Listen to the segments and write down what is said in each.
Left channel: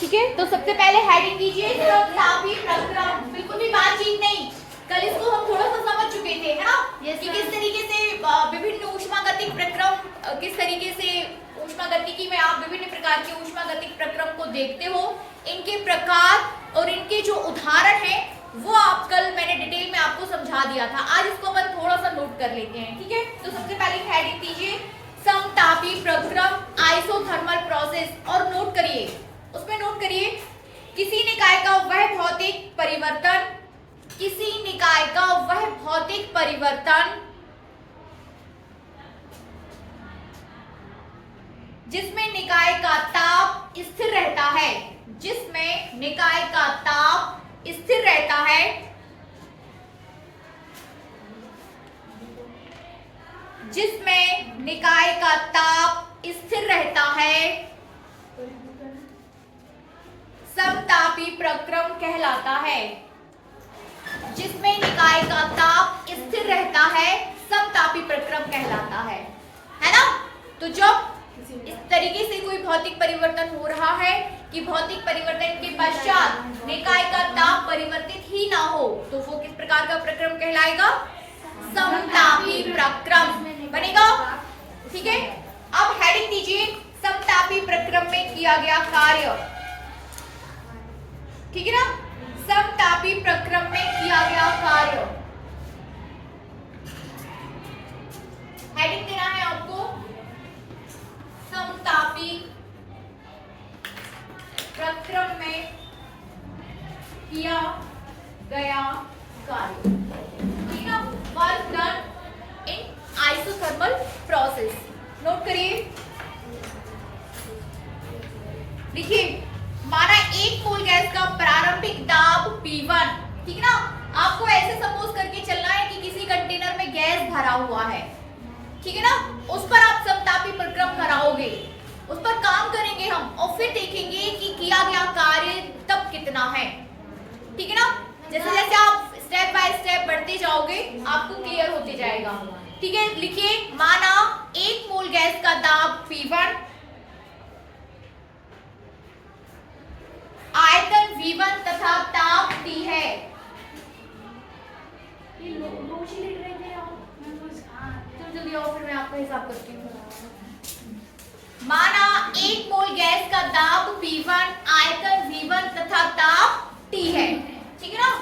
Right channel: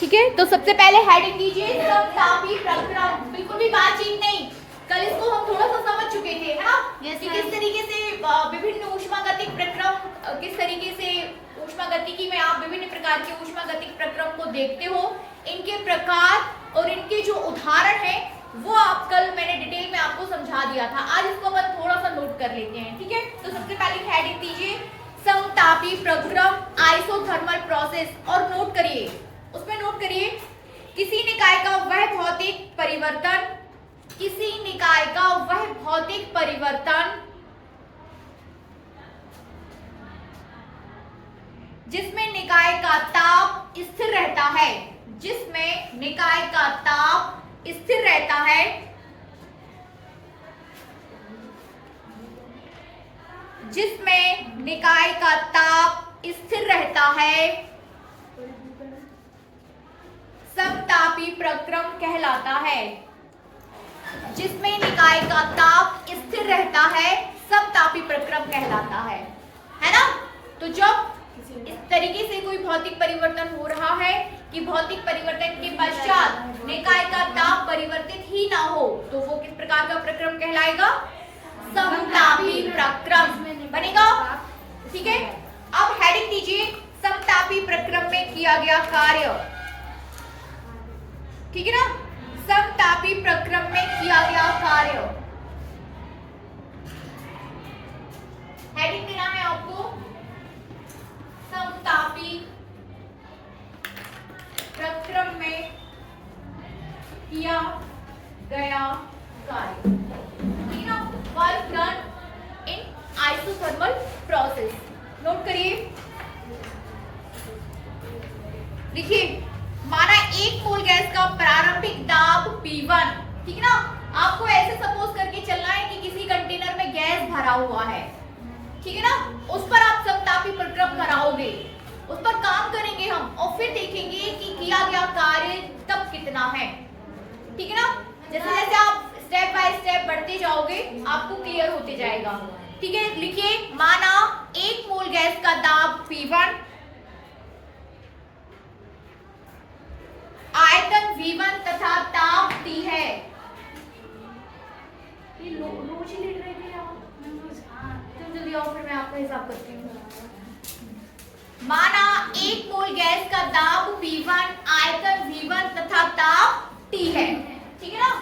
ठीक है, तो सबसे पहले हेडिंग दीजिए समतापी प्रक्रम। बिल्कुल भी बातचीत नहीं, कल इसको हम थोड़ा सा समझ चुके थे, है ना? कि किस तरीके से विभिन्न ऊष्मागतिक प्रक्रम, किस तरीके से ऊष्मागतिकी में आप विभिन्न प्रकार के ऊष्मागतिक प्रक्रम को देखते हो, इनके प्रकार और इनके जो उदाहरण है वो आप कल मैंने डिटेल में आपको समझा दिया था। आज इसको अपन थोड़ा सा नोट कर लेते हैं, ठीक है? तो सबसे पहले हेडिंग दीजिए समतापी प्रक्रम आइसोथर्मल प्रोसेस, और नोट करिए, उसमें नोट करिए किसी निकाय का वह भौतिक परिवर्तन, किसी निकाय का वह भौतिक परिवर्तन जिसमें निकाय का ताप स्थिर रहता है, जिसमें निकाय का ताप स्थिर रहता है, जिसमें निकाय का ताप स्थिर रहता है, समतापी प्रक्रम कहलाता है। जिसमें निकाय का ताप स्थिर रहता है समतापी प्रक्रम कहलाता है ना? तो जब इस तरीके से कोई भौतिक परिवर्तन हो रहा है कि भौतिक परिवर्तन के पश्चात निकाय का ताप परिवर्तित ही ना हो, तो वो किस प्रकार का प्रक्रम कहलाएगा? समतापी प्रक्रम बनेगा। ठीक है, अब हेडिंग दीजिए समतापी प्रक्रम में किया गया कार्य। ठीक है ना? समतापी प्रक्रम में किया गया कार्य, हेडिंग देना है आपको समतापी प्रक्रम में किया गया कार्य। ठीक है ना? Work done in isothermal process. Note करिए, देखिए माना एक मोल गैस का प्रारंभिक दाब P1, ठीक है ना? आपको ऐसे सपोज करके चलना है कि किसी कंटेनर में गैस भरा हुआ है, ठीक है ना? उस पर आप समतापी प्रक्रम कराओगे, उस पर काम करेंगे हम और फिर देखेंगे कि किया गया कार्य तब कितना है। ठीक है ना? जैसे जैसे आप स्टेप बाय स्टेप बढ़ते जाओगे आपको क्लियर होते जाएगा। ठीक है, लिखिए माना एक मोल गैस का दाब P1, आयतन V1 तथा ताप T है। ये रोज ही लिख रहे थे आप, जल्दी आओ फिर मैं आपका हिसाब करती हूँ। माना एक मोल गैस का दाब P1, आयतन V1 तथा ताप T है। ठीक है ना?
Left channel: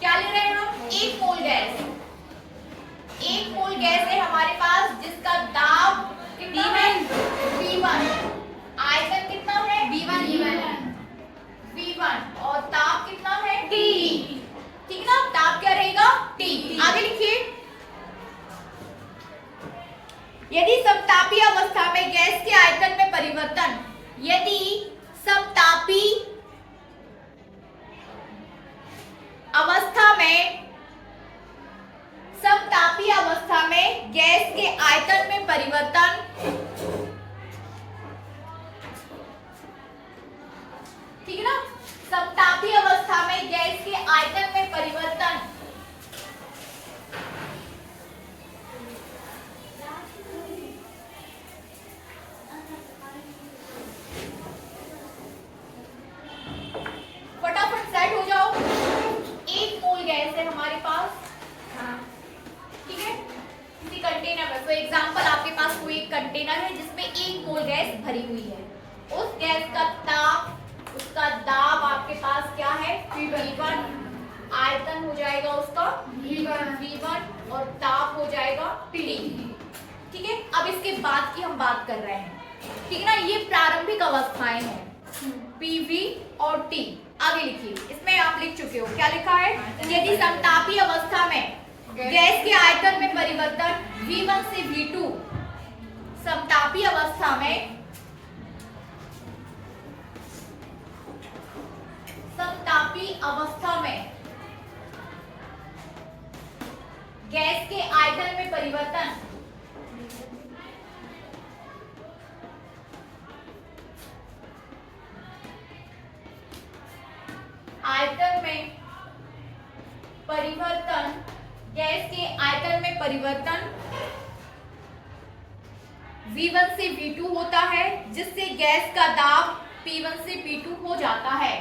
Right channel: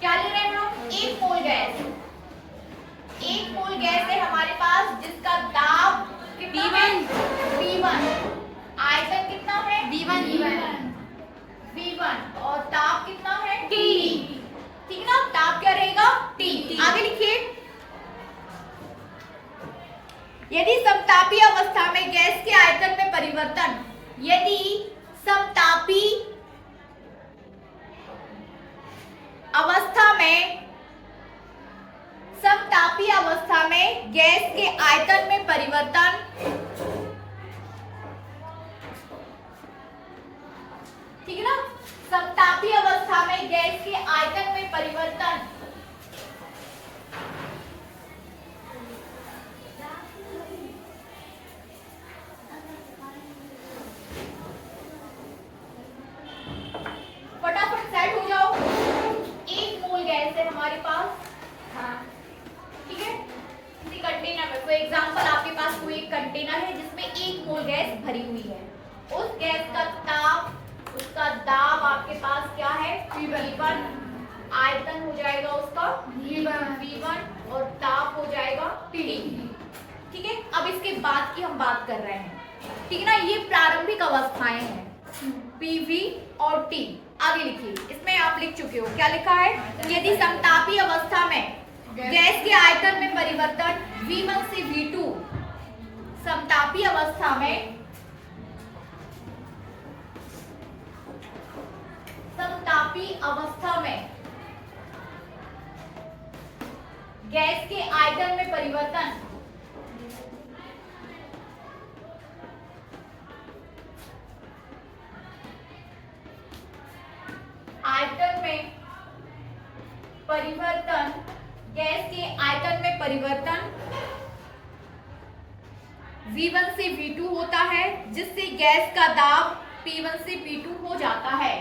क्या ले रहे हैं हम? एक मोल गैस, एक मोल गैस है हमारे पास जिसका दाब कितना है? V1, आयतन कितना है? V1 और ताप कितना है? T। ठीक है ना? ताप क्या रहेगा? T। आगे लिखिए, यदि समतापी अवस्था में गैस के आयतन में परिवर्तन, यदि समतापी अवस्था में, समतापी अवस्था में गैस के आयतन में परिवर्तन, ठीक है ना? समतापी अवस्था में गैस के आयतन में परिवर्तन फटाफट सेट हो जाओ। एक मोल गैस है हमारे पास, ठीक है? किसी कंटेनर में, तो एग्जांपल आपके पास कोई एक कंटेनर है जिसमें एक मोल गैस भरी हुई है। उस गैस का ताप, उसका दाब आपके पास क्या है? V1, आयतन हो जाएगा उसका V1 और ताप हो जाएगा T। ठीक है, अब इसके बाद की हम बात कर रहे हैं। ठीक है ना? ये प्रारंभिक अवस्थाएं हैं PV और T। आगे लिखिए, इसमें आप लिख चुके हो, क्या लिखा है? यदि समतापी अवस्था में गैस के आयतन में परिवर्तन V1 से V2, समतापी अवस्था में, समतापी अवस्था में गैस के आयतन में परिवर्तन आयतन में परिवर्तन, गैस के आयतन में परिवर्तन V1 से V2 होता है, जिससे गैस का दाब P1 से P2 हो जाता है।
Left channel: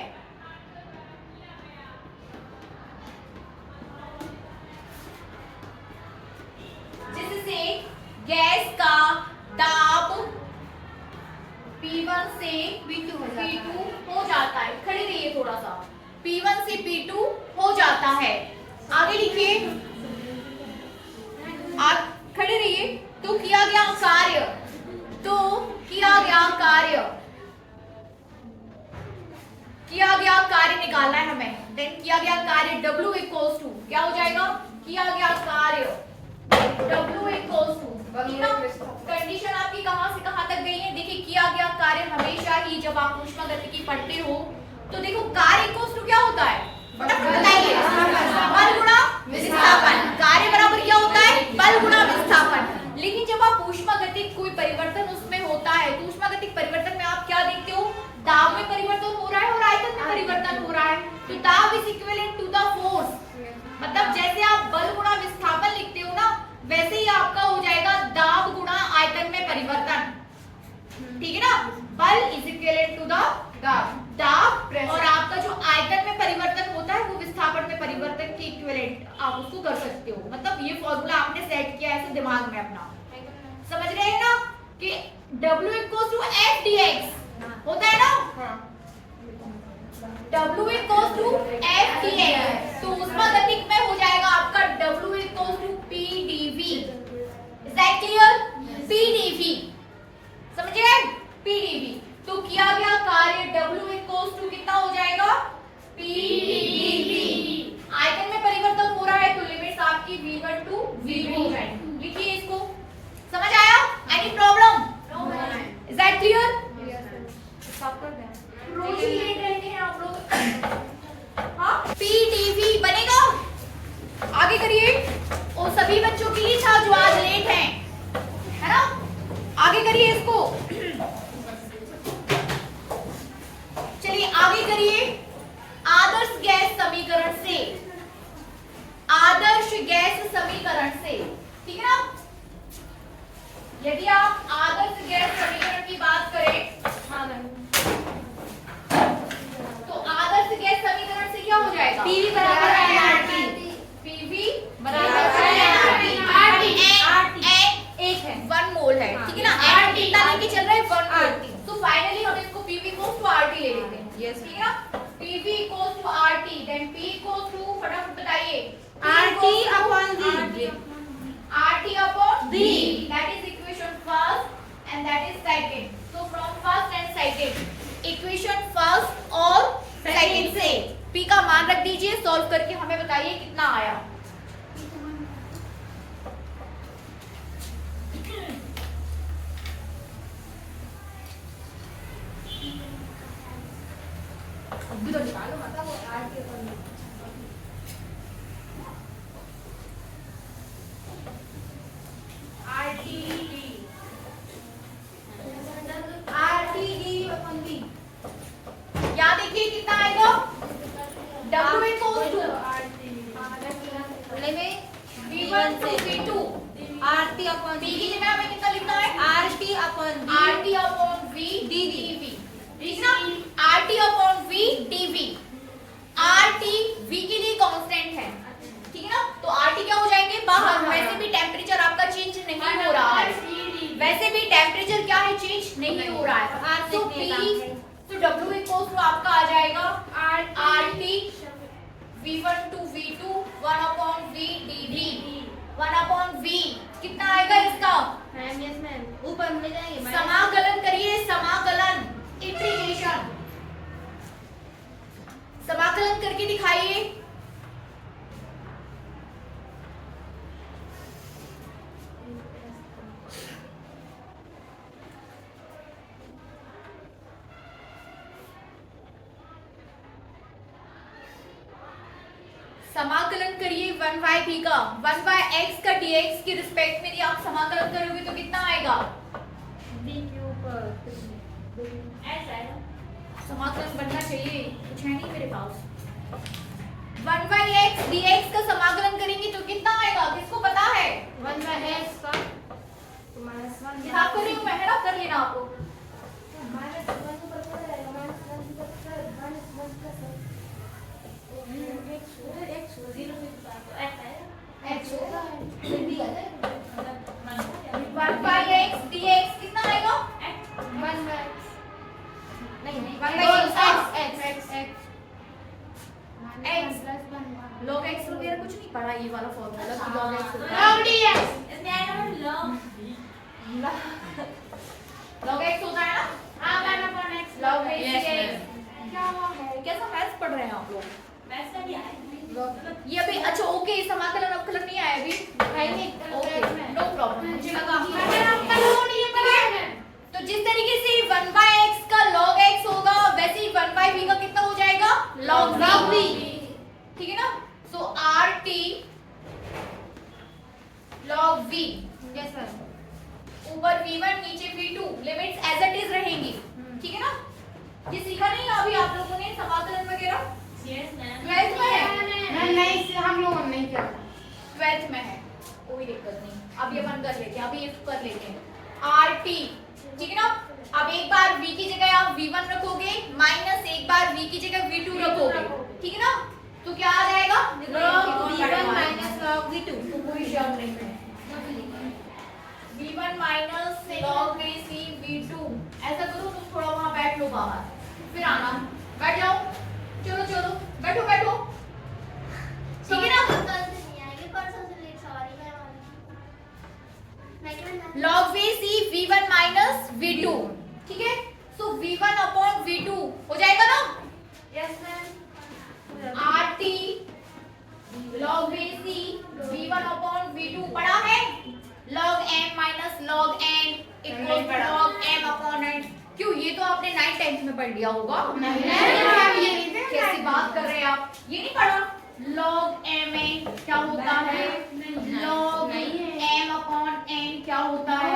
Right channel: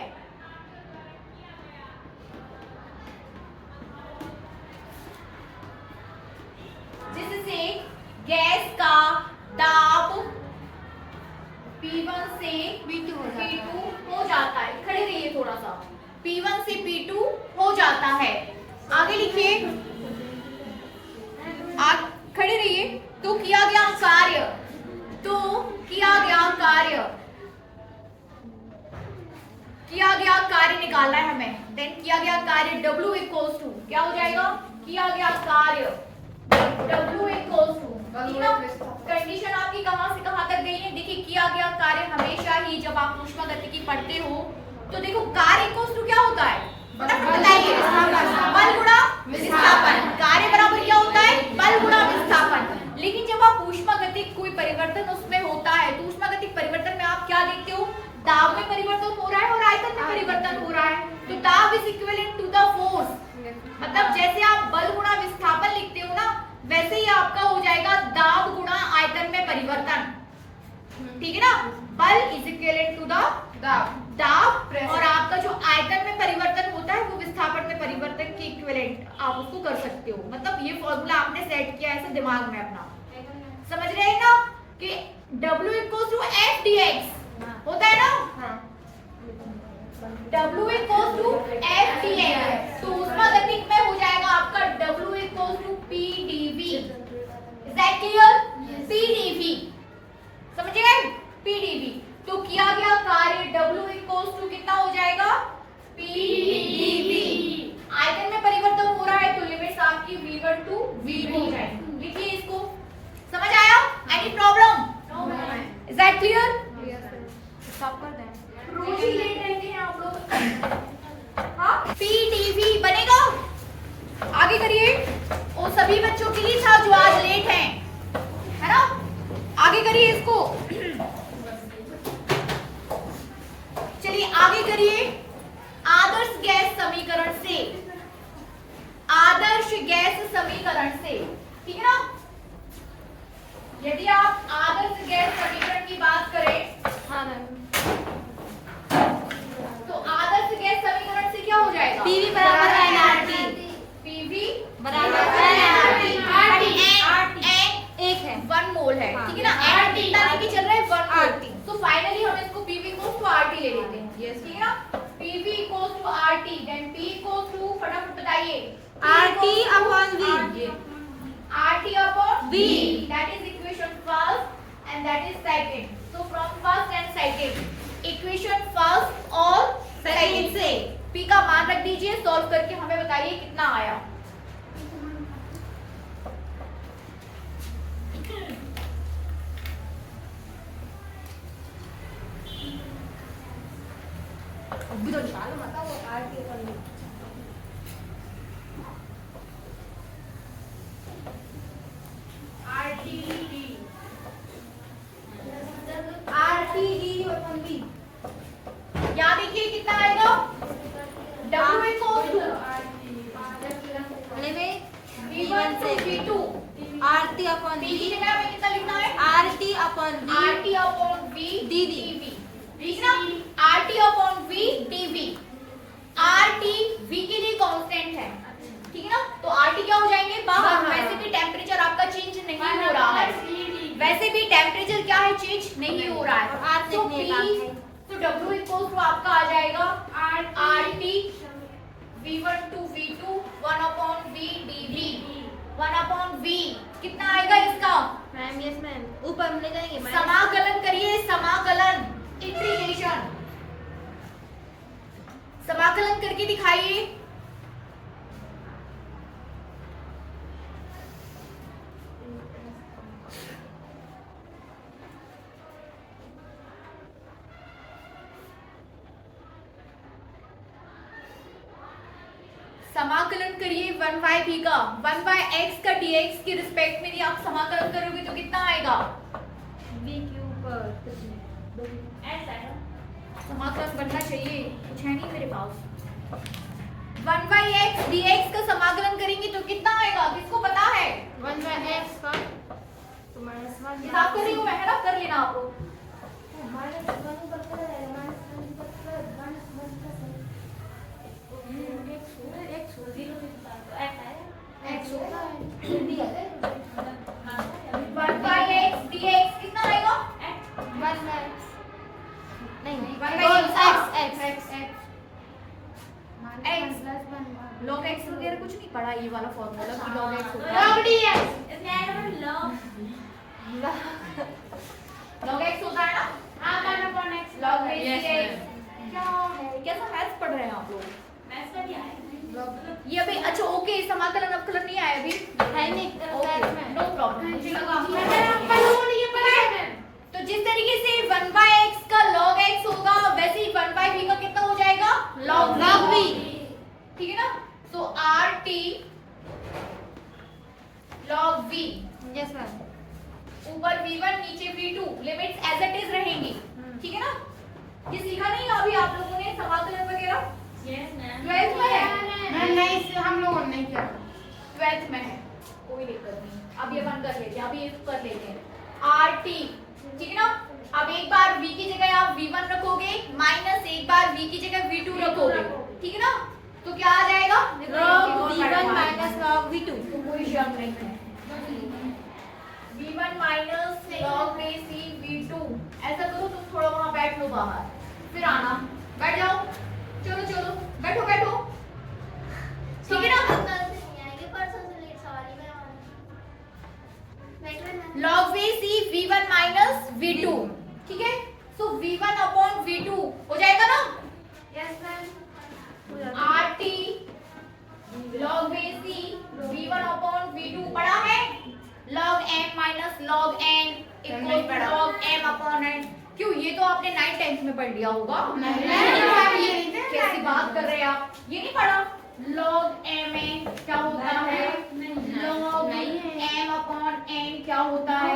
जिससे गैस का दाब P1 से P2 हो जाता है। खड़े रहिए थोड़ा सा। P1 से P2 हो जाता है। आगे लिखिए, आप खड़े रहिए। तो किया गया कार्य, किया गया कार्य निकालना है हमें। देन किया गया कार्य W इक्वल्स टू क्या हो जाएगा? किया गया कार्य W इक्वल्स टू, कंडीशन आपकी कहां से कहां तक गई है? देखिए, किया गया कार्य हमेशा ही जब आप ऊष्मागतिकी पढ़ते हो तो देखो कार्य इक्वल्स टू क्या होता है? बताइए, बल गुणा विस्थापन। कार्य बराबर क्या होता है? बल गुणा विस्थापन। लेकिन जब आप ऊष्मागतिक कोई परिवर्तन उसमें होता है तो ऊष्मागतिक परिवर्तन में आप क्या देखते हो? दाब में परिवर्तन हो रहा है और आयतन में परिवर्तन हो रहा है। तो दाब is equivalent to the force. मतलब जैसे आप बल गुणा विस्थापन लिखते हो ना, वैसे ही आपका हो जाएगा दाब गुणा आयतन में परिवर्तन। ठीक है ना? बल इज इक्विवेलेंट टू द दाब और आपका जो आयतन में परिवर्तन होता है वो विस्थापन में परिवर्तन के इक्विवेलेंट आप उसको कर सकते हो। मतलब ये फॉर्मूला आपने सेट किया है ऐसे दिमाग में अपना। समझ गए ना कि W equals to F dx होता है ना? W equals to F dx। तो ऊष्मागतिक में हो जाएगा आपका W equals to P dV। Is that clear? P dV समझ गए? P dV। तो किया गया कार्य W इक्वल्स टू कितना हो जाएगा? P dV। आयतन में परिवर्तन हो रहा है तो लिमिट्स आपकी V1 टू V2 हो जाएगी। लिखिए इसको। समझ आया? Any problem? Is that clear? रोज ही लेट रहते हैं आप लोग। हाँ, P dV बनेगा। आगे करिए। उन सभी बच्चों के लिए था जो आज लेट हैं, है ना? आगे करिए इसको। चलिए आगे करिए। आदर्श गैस समीकरण से, आदर्श गैस समीकरण से, ठीक है ना? यदि आप आदर्श गैस समीकरण की बात करें तो आदर्श गैस समीकरण से क्या हो जाएगा? PV बराबर nRT। PV बराबर nRT। RT एक है, 1 मोल है, ठीक है ना? RT कितना लेके चल रहा है? 1 मोल। तो फाइनली हम इसको PV इक्वल्स टू RT ले लेते हैं। यस, ठीक है ना? PV equals to RT, then P equals to, फटाफट बताइए, RT upon V। RT upon V, that is equation first and that is second. So from first and second, equation first और second से P का मान रख दीजिए, solve करके हमें बताइए कितना आया। क्या देखिए कितना आएगा? W इक्वल्स टू V1 से V2 RT अपॉन V की जगह हमें कितना लिखना है? RT upon V dV। ठीक ना? RT upon V dV। RT V के लिए कांस्टेंट है, ठीक है ना? तो RT क्या हो जाएंगे? बाहर। वैसे भी टेम्परेचर आपका चेंज नहीं हो रहा है, वैसे भी टेम्परेचर क्या है? चेंज नहीं हो रहा है। तो P, तो W इक्वल्स टू आपका आ जाएगा RT V1 to V2 1 upon V dV। 1 upon V कितना आएगा इसका? मैम यस मैम, ऊपर हम ले जाएंगे। समाकलन करिए, समाकलन, इंटीग्रेशन, समाकलन करके दिखाइए। समाकलन करिए 1/v का, 1/x का dx के रिस्पेक्ट में यदि आप समाकलन करोगे तो कितना आएगा? समाकलन बनना चाहिए, कुछ है नहीं मेरे पास। 1/x dx का समाकलन करेंगे तो कितना आएगा? किसको पता है? 1/x का हिसाब कर रही हूँ मैं, है ना? कर लेना आप लोग। नहीं 1/x log x वगैरह कुछ नहीं पढ़ा, ये वाला फॉर्मूला कि log x होता है log x होता है ना, log base Yes, x क्या है, कैसा मैथ्स पढ़ रहे हैं आप लोग? ये अभी अच्छा ओके, समाकलन अवकलन नहीं आया अभी, ओके नो प्रॉब्लम, मुझे लगा तो जिस तरीके से 1/x का log x होगा वैसे ही 1/v का कितना हो जाएगा log v, ठीक है ना। सो rt log v, ऊपर v1 नीचे v2, limits as it is रहेंगी, ठीक है ना। ये सीखा नहीं अभी आप लोगों ने समाकलन वगैरह? 12th में है, हम लोगों ने नहीं किया। 12th में है, कोई दिक्कत नहीं, अब ये बंद कर लेते हैं, अभी ये कर लेते हैं rt, ठीक है ना। अब एक बार v की जगह आप v1 रखोगे माइनस एक बार v की जगह v2 रखोगे, ठीक है ना, तो क्या आ जाएगा तो कोई शक नहीं है, v1 minus log base e v2, ऐसा करो तुम थोड़ा वहां बैठ लो बाहर, फिर आना, बैठ जाओ, चलो चलो बैठो बैठो, ठीक है ना। log base e v1 minus v2, ठीक है, सो v1 अपॉन v2 हो जाएगा ना, rt log base e v1 upon v2 पढ़ा है, log m minus log n equal to log m upon n, क्यों ये तो आपने 9th 10th में पढ़ लिया होगा, कैसी बात कर रहे हैं आप, ये नहीं पढ़ा, log m क्या होता है, log m अपॉन n क्या होता है,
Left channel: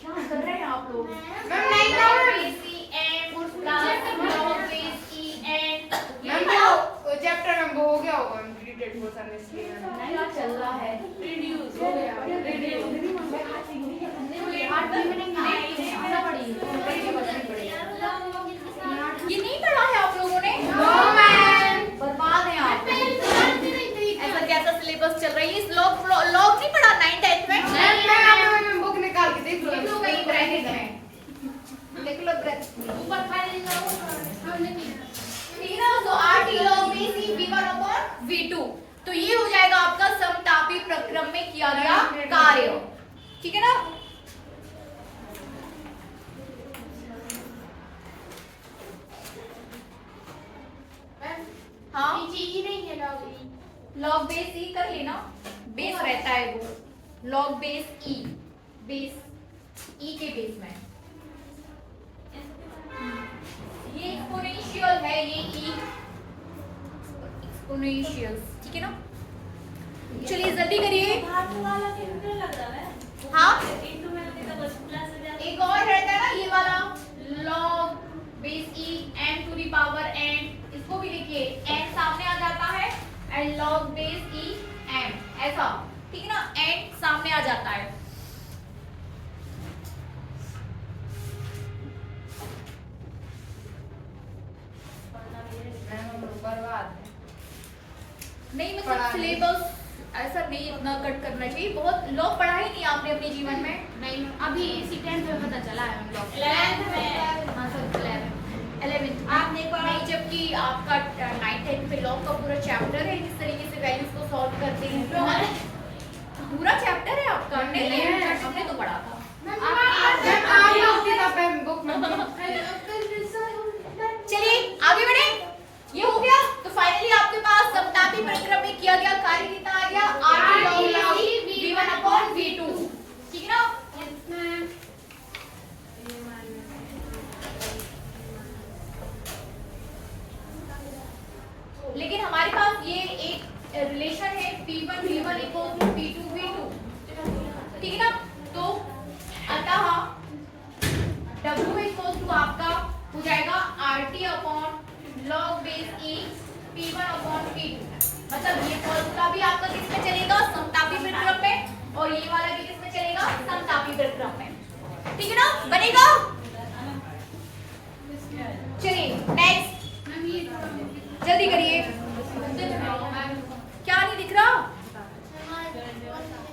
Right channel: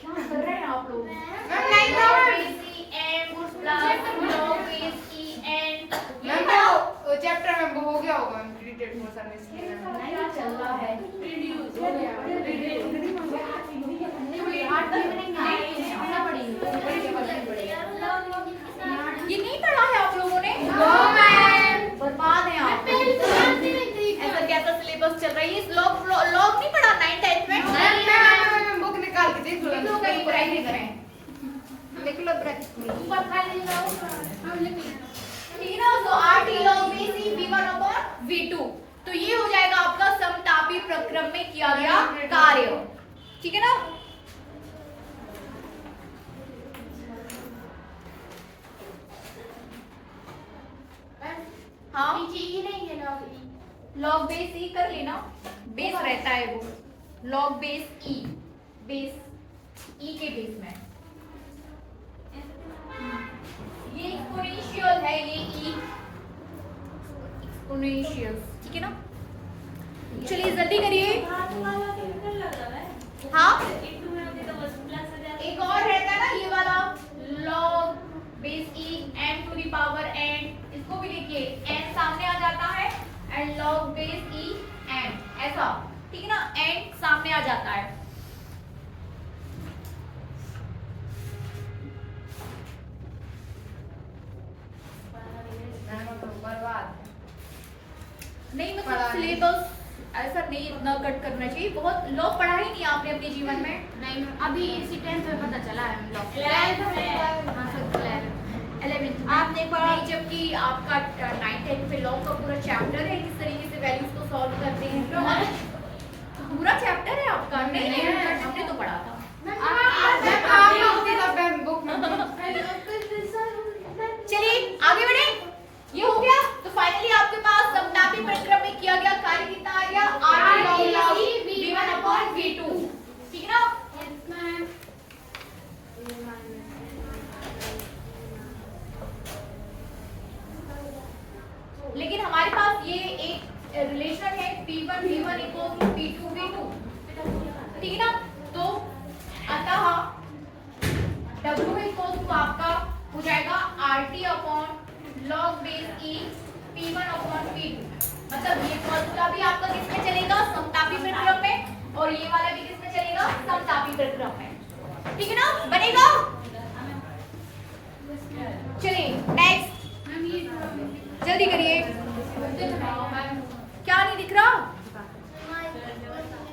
क्या कर रहे हैं आप लोग, log base e m plus log base e n, ये पढ़ो, तो चैप्टर में वो हो गया होगा रिलेटेड पोर्शन में, इसलिए क्या चल रहा है, ये नहीं पढ़ा है आप लोगों ने, बर्बाद है आप, ऐसा कैसा सिलेबस चल रहा है, इस लॉग नहीं पढ़ा 9th 10th में, मैं बुक निकाल के देख देख लो कहीं ब्रैकेट में, देख लो ऊपर खाली ठीक है ना। तो rt log base e v1 upon v2, तो ये हो जाएगा आपका समतापी प्रक्रम में किया गया कार्य, ठीक है ना। हाँ log base e कर लेना, बेस रहता है वो, log base e, base e के बेस में, ये एक्सपोनेंशियल है, ये e एक्सपोनेंशियल, ठीक है ना। चलिए जल्दी करिए, हाँ एक और रहता है ना ये वाला log base e n to the power n, इसको भी लिखिए, n सामने आ जाता है and log base e n ऐसा, ठीक है ना, n सामने आ जाता है। नहीं मतलब सिलेबस ऐसा नहीं इतना कट करना चाहिए, बहुत लोग पढ़ा ही नहीं आपने अपने जीवन में, नहीं अभी इसी 10th में पता चला है हम लोग 11th में आप देखो, नहीं, जबकि आपका 9th 10th में लॉग का पूरा चैप्टर है, किस तरीके से वैल्यूज को सॉल्व करते हैं, पूरा चैप्टर है आपका, नहीं है हमने तो पढ़ा था। चलिए आगे बढ़े, ये हो गया, तो फाइनली आपके पास समतापी प्रक्रम में किया गया कार्य कितना आ गया, rt log v1 upon v2, ठीक है ना। लेकिन हमारे पास ये एक रिलेशन है p1 v1 equal to p2 v2, ठीक है ना। तो अतः w इक्वल टू आपका हो जाएगा rt upon log base e p1 upon p2, मतलब ये फॉर्मूला भी आपका किस में चलेगा, समतापी प्रक्रम में, और ये वाला भी किस में चलेगा, समतापी प्रक्रम में, ठीक है ना, बनेगा। चलिए नेक्स्ट, जल्दी करिए, क्या नहीं दिख रहा,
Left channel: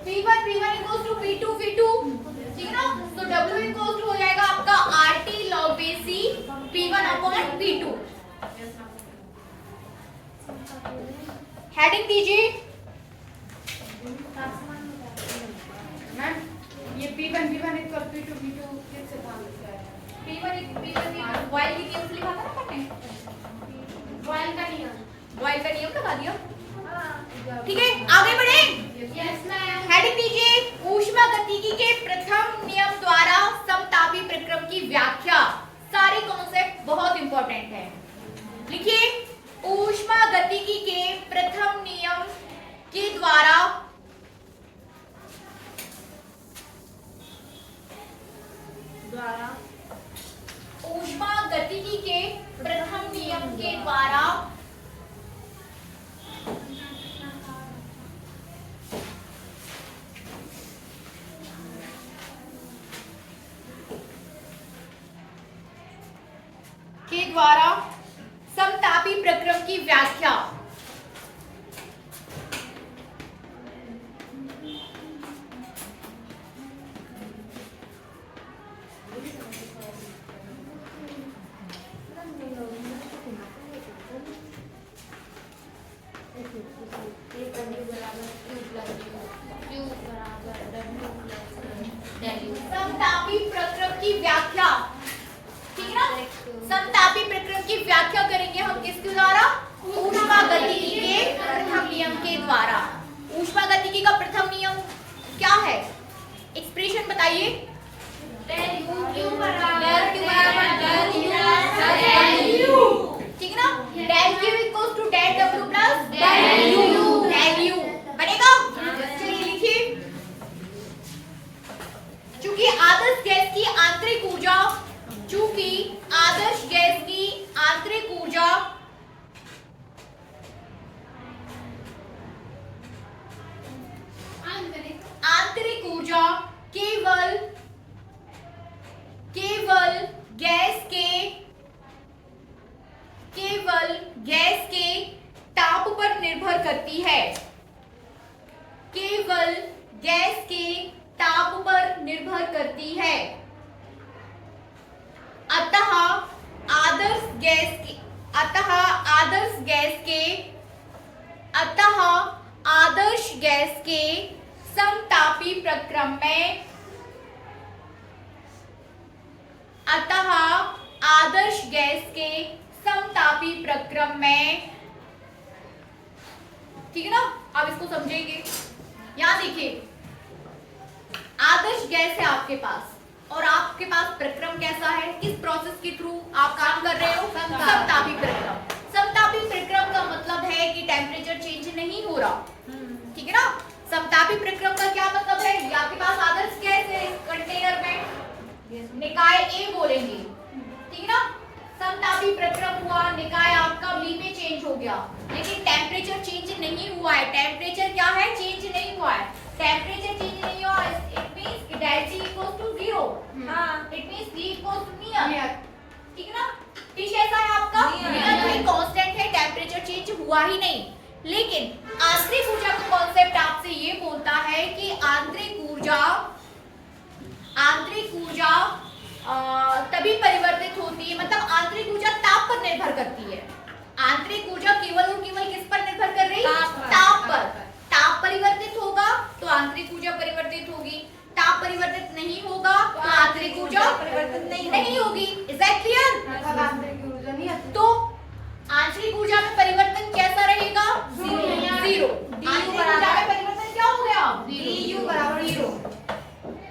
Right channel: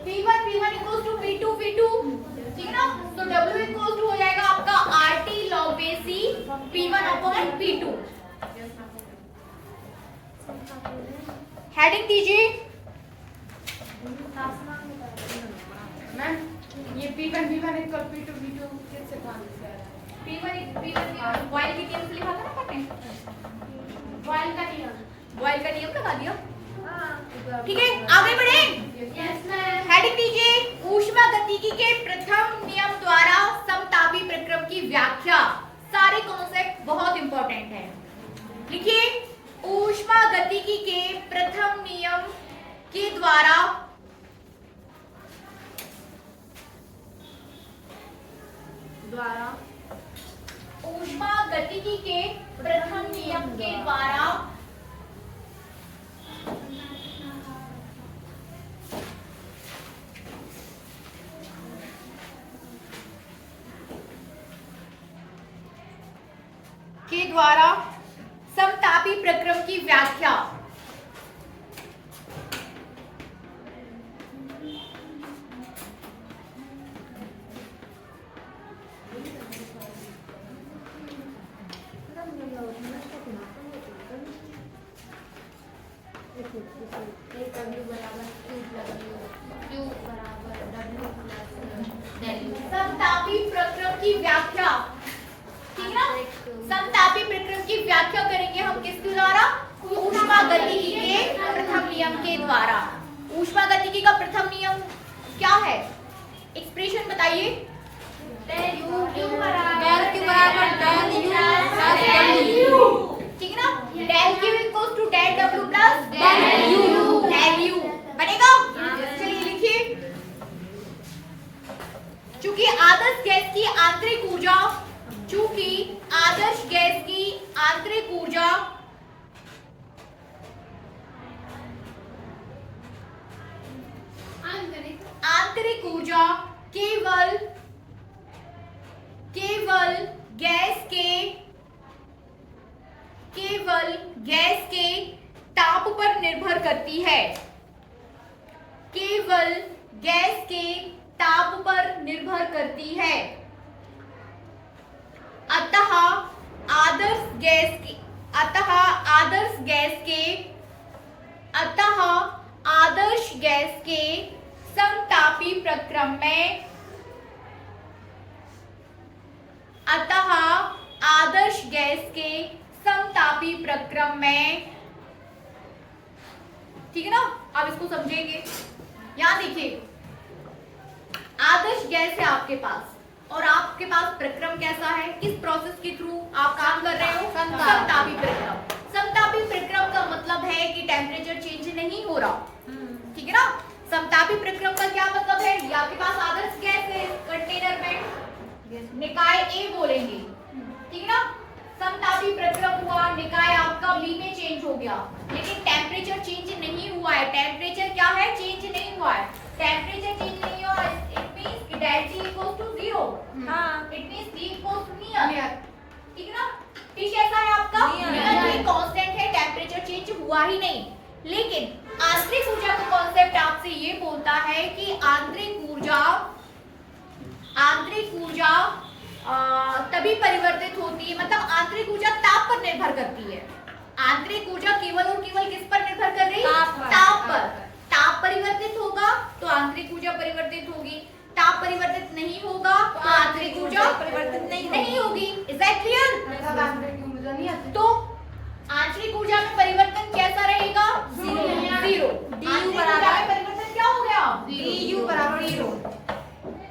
p1 p1 equals to p2 p2, ठीक है ना। तो w इक्वल्स टू हो जाएगा आपका P1 अपॉन P2। हेडिंग दीजिए। मैम ये P1 इक्वल P2 किससे बाहर से आ रहा है? P1 बॉयल के नियम से लिखा था ना आपने, बॉयल का नियम। बॉयल का नियम लगा दिया। ठीक है, आगे बढ़े। Yes ma'am. हेडिंग दीजिए। ऊष्मागतिकी के प्रथम नियम द्वारा समतापी प्रक्रम की व्याख्या। सारे कॉन्सेप्ट बहुत इंपॉर्टेंट है, लिखिए। ऊष्मागतिकी के प्रथम नियम के द्वारा ऊष्मागतिकी के प्रथम नियम के द्वारा समतापी प्रक्रम की व्याख्या। समतापी प्रक्रम की व्याख्या, ठीक है ना। समतापी प्रक्रम की व्याख्या करेंगे हम किसके द्वारा? ऊष्मागतिकी के प्रथम नियम के द्वारा। ऊष्मागतिकी का प्रथम नियम क्या है? एक्सप्रेशन बताइए। ठीक है ना। Del Q equals to del W plus del U बनेगा। चलिए लिखिए। चूंकि आदर्श गैस की आंतरिक ऊर्जा, चूंकि आदर्श गैस की आंतरिक ऊर्जा केवल गैस के ताप पर निर्भर करती है। केवल गैस के ताप पर निर्भर करती है। अतः आदर्श गैस के समतापी प्रक्रम में ठीक है ना। अब इसको समझेंगे। यहां देखिए, आदर्श गैस है आपके पास और आपके पास प्रक्रम कैसा है? किस प्रोसेस के थ्रू आप काम कर रहे हो? समतापी प्रक्रम। समतापी प्रक्रम का मतलब है कि टेम्परेचर चेंज नहीं हो रहा, ठीक है ना। समतापी प्रक्रम का क्या मतलब है? ये आपके पास आदर्श गैस है, कंटेनर में निकाय ए बोलेंगे, ठीक है ना। समतापी प्रक्रम हुआ, निकाय आपका बी में चेंज हो गया, लेकिन टेम्परेचर चेंज नहीं हुआ है। टेम्परेचर क्या है? चेंज नहीं हुआ है। टेम्परेचर चेंज नहीं हुआ, इट मींस कि del T equals to 0। It means T equals to near, ठीक है ना। T कैसा है आपका? नियर कांस्टेंट है, टेम्परेचर चेंज हुआ ही नहीं। लेकिन आंतरिक ऊर्जा का कॉन्सेप्ट आपसे ये बोलता है कि आंतरिक ऊर्जा तभी परिवर्तित होती है, मतलब आंतरिक ऊर्जा ताप पर निर्भर करती है। आंतरिक ऊर्जा केवल और केवल किस पर निर्भर कर रही है? ताप पर। ताप परिवर्तित होगा तो आंतरिक ऊर्जा परिवर्तित होगी, ताप परिवर्तित नहीं होगा तो आंतरिक ऊर्जा परिवर्तित नहीं होगी। Is that clear? तो आंतरिक ऊर्जा में परिवर्तन कैसा रहेगा? 0। आंतरिक ऊर्जा में परिवर्तन क्या हो गया? du बराबर 0,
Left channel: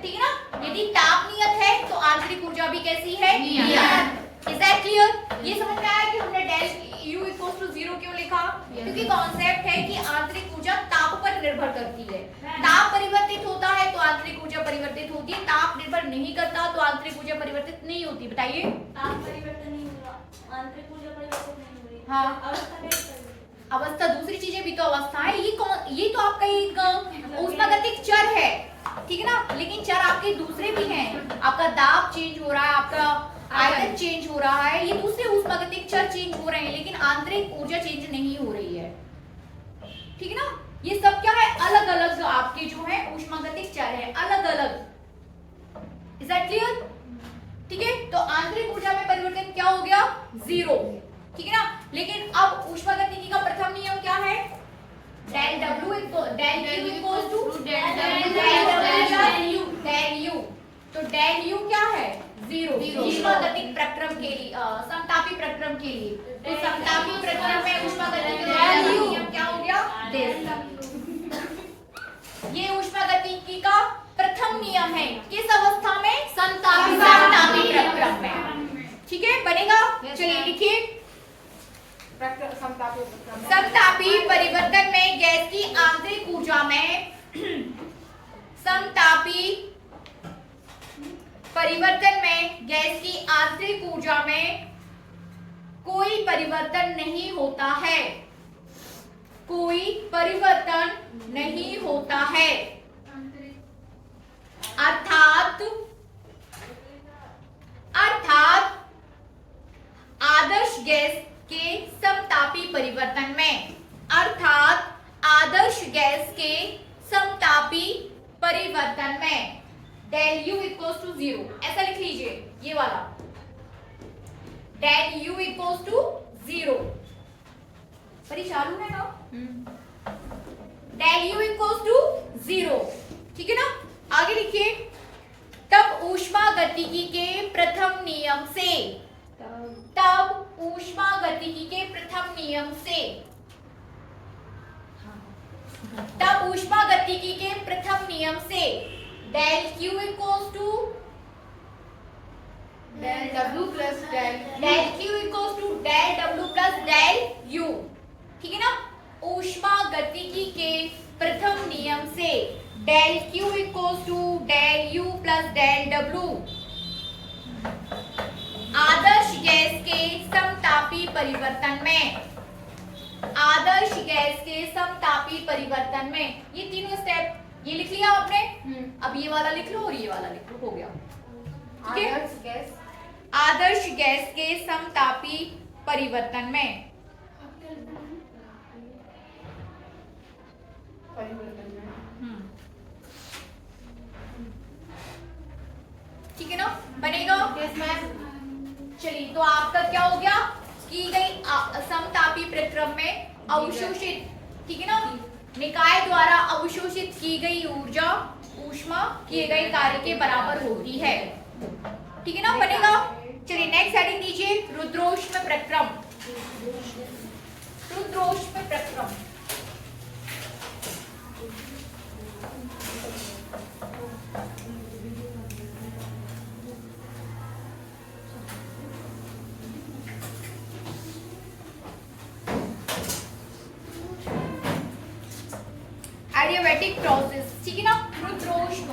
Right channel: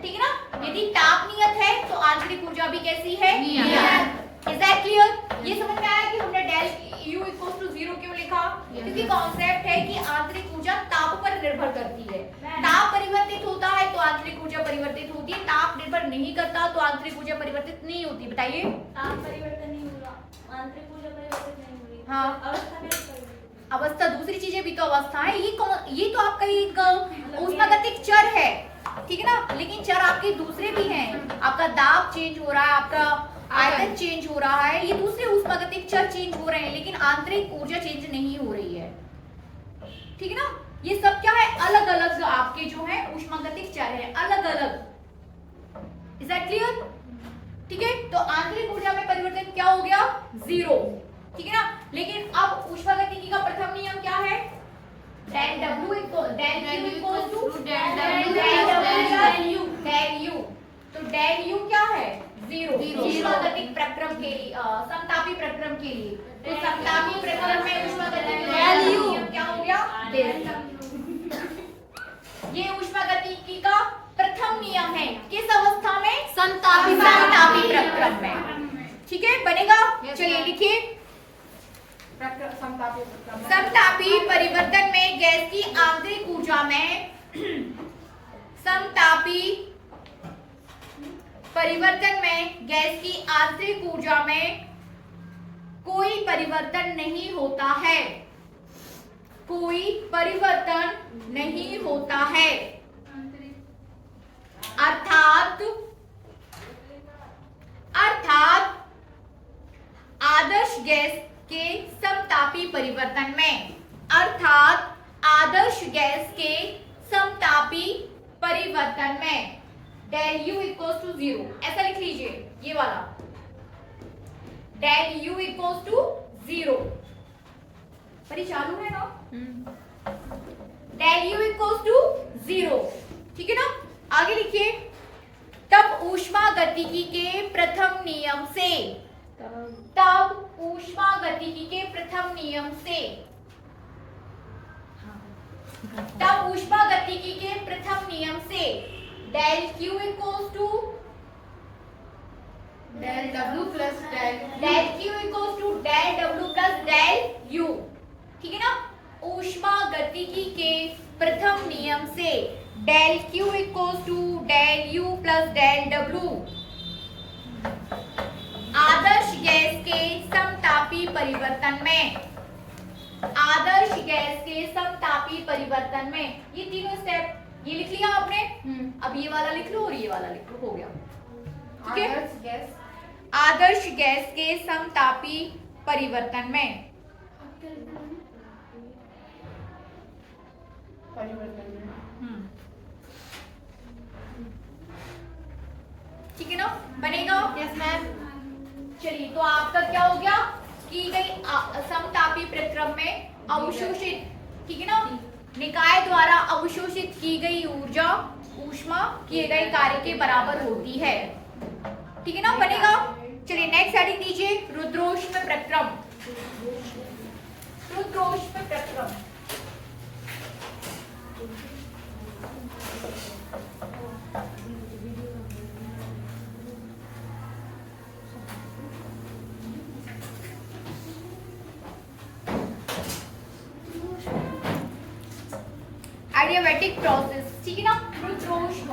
ठीक है ना। यदि ताप नियत है तो आंतरिक ऊर्जा भी कैसी है? नियत। Is that clear? ये समझ में आया कि हमने डेल U इक्वल्स टू 0 क्यों लिखा? क्योंकि कॉन्सेप्ट है कि आंतरिक ऊर्जा ताप पर निर्भर करती है। ताप परिवर्तित होता है तो आंतरिक ऊर्जा परिवर्तित होती है, ताप निर्भर नहीं करता तो आंतरिक ऊर्जा परिवर्तित नहीं होती। बताइए। ताप परिवर्तन नहीं हो रहा, आंतरिक ऊर्जा परिवर्तित नहीं हो रही। हाँ, अवस्था दूसरी चीजें भी तो अवस्था है। ये तो आपका एक ऊष्मागतिक चर है, ठीक है ना। लेकिन चर आपके दूसरे भी हैं। आपका दाब चेंज हो रहा है, आपका आयतन चेंज हो रहा है, ये दूसरे ऊष्मागतिक चर चेंज हो रहे हैं, लेकिन आंतरिक ऊर्जा चेंज नहीं हो रही है, ठीक है ना। ये सब क्या है? अलग अलग आपके जो है ऊष्मागतिक चर है, अलग अलग। Is that clear? ठीक है, तो आंतरिक ऊर्जा में परिवर्तन क्या हो गया? 0, ठीक है ना। लेकिन अब ऊष्मागतिकी का प्रथम नियम क्या है? Del W del Q equals to del U। तो डेल U क्या है? 0 ऊष्मागतिक प्रक्रम के लिए, समतापी प्रक्रम के लिए। तो समतापी प्रक्रम में ऊष्मागतिकी डेल U क्या हो गया? ये ऊष्मागतिकी का प्रथम नियम है। किस अवस्था में? समतापी प्रक्रम में, ठीक है, बनेगा। चलिए लिखिए, समतापी परिवर्तन में गैस की आंतरिक ऊर्जा में समतापी परिवर्तन में गैस की आंतरिक ऊर्जा में कोई परिवर्तन नहीं होता है, कोई परिवर्तन नहीं होता है। अर्थात आदर्श गैस के समतापी परिवर्तन में, अर्थात आदर्श गैस के समतापी परिवर्तन में डेल U इक्वल्स टू 0, ऐसा लिख लीजिए, ये वाला डेल U इक्वल्स टू 0। परी चालू है ना? डेल U इक्वल्स टू 0, ठीक है ना। आगे लिखिए, तब ऊष्मागतिकी के प्रथम नियम से, तब ऊष्मागतिकी के प्रथम नियम से, तब ऊष्मागतिकी के प्रथम नियम से del Q equals to del W plus del Q equals to del W plus del U, ठीक है ना। ऊष्मागतिकी के प्रथम नियम से del Q equals to del U plus del W आदर्श गैस के समतापी परिवर्तन में, आदर्श गैस के समतापी परिवर्तन में, ये तीनों स्टेप ये लिख लिया आपने। अब ये वाला लिख लो और ये वाला लिख लो, हो गया, ठीक है। आदर्श गैस के समतापी परिवर्तन में, ठीक है ना, बनेगा। चलिए, तो आपका क्या हो गया? की गई समतापी प्रक्रम में अवशोषित, ठीक है ना, निकाय द्वारा अवशोषित की गई ऊर्जा ऊष्मा किए गए कार्य के बराबर होती है, ठीक है ना, बनेगा। चलिए नेक्स्ट हेडिंग दीजिए, रुद्रोष्म प्रक्रम। रुद्रोष्म प्रक्रम, एडियाबैटिक प्रोसेस, ठीक है ना। रुद्रोष्म,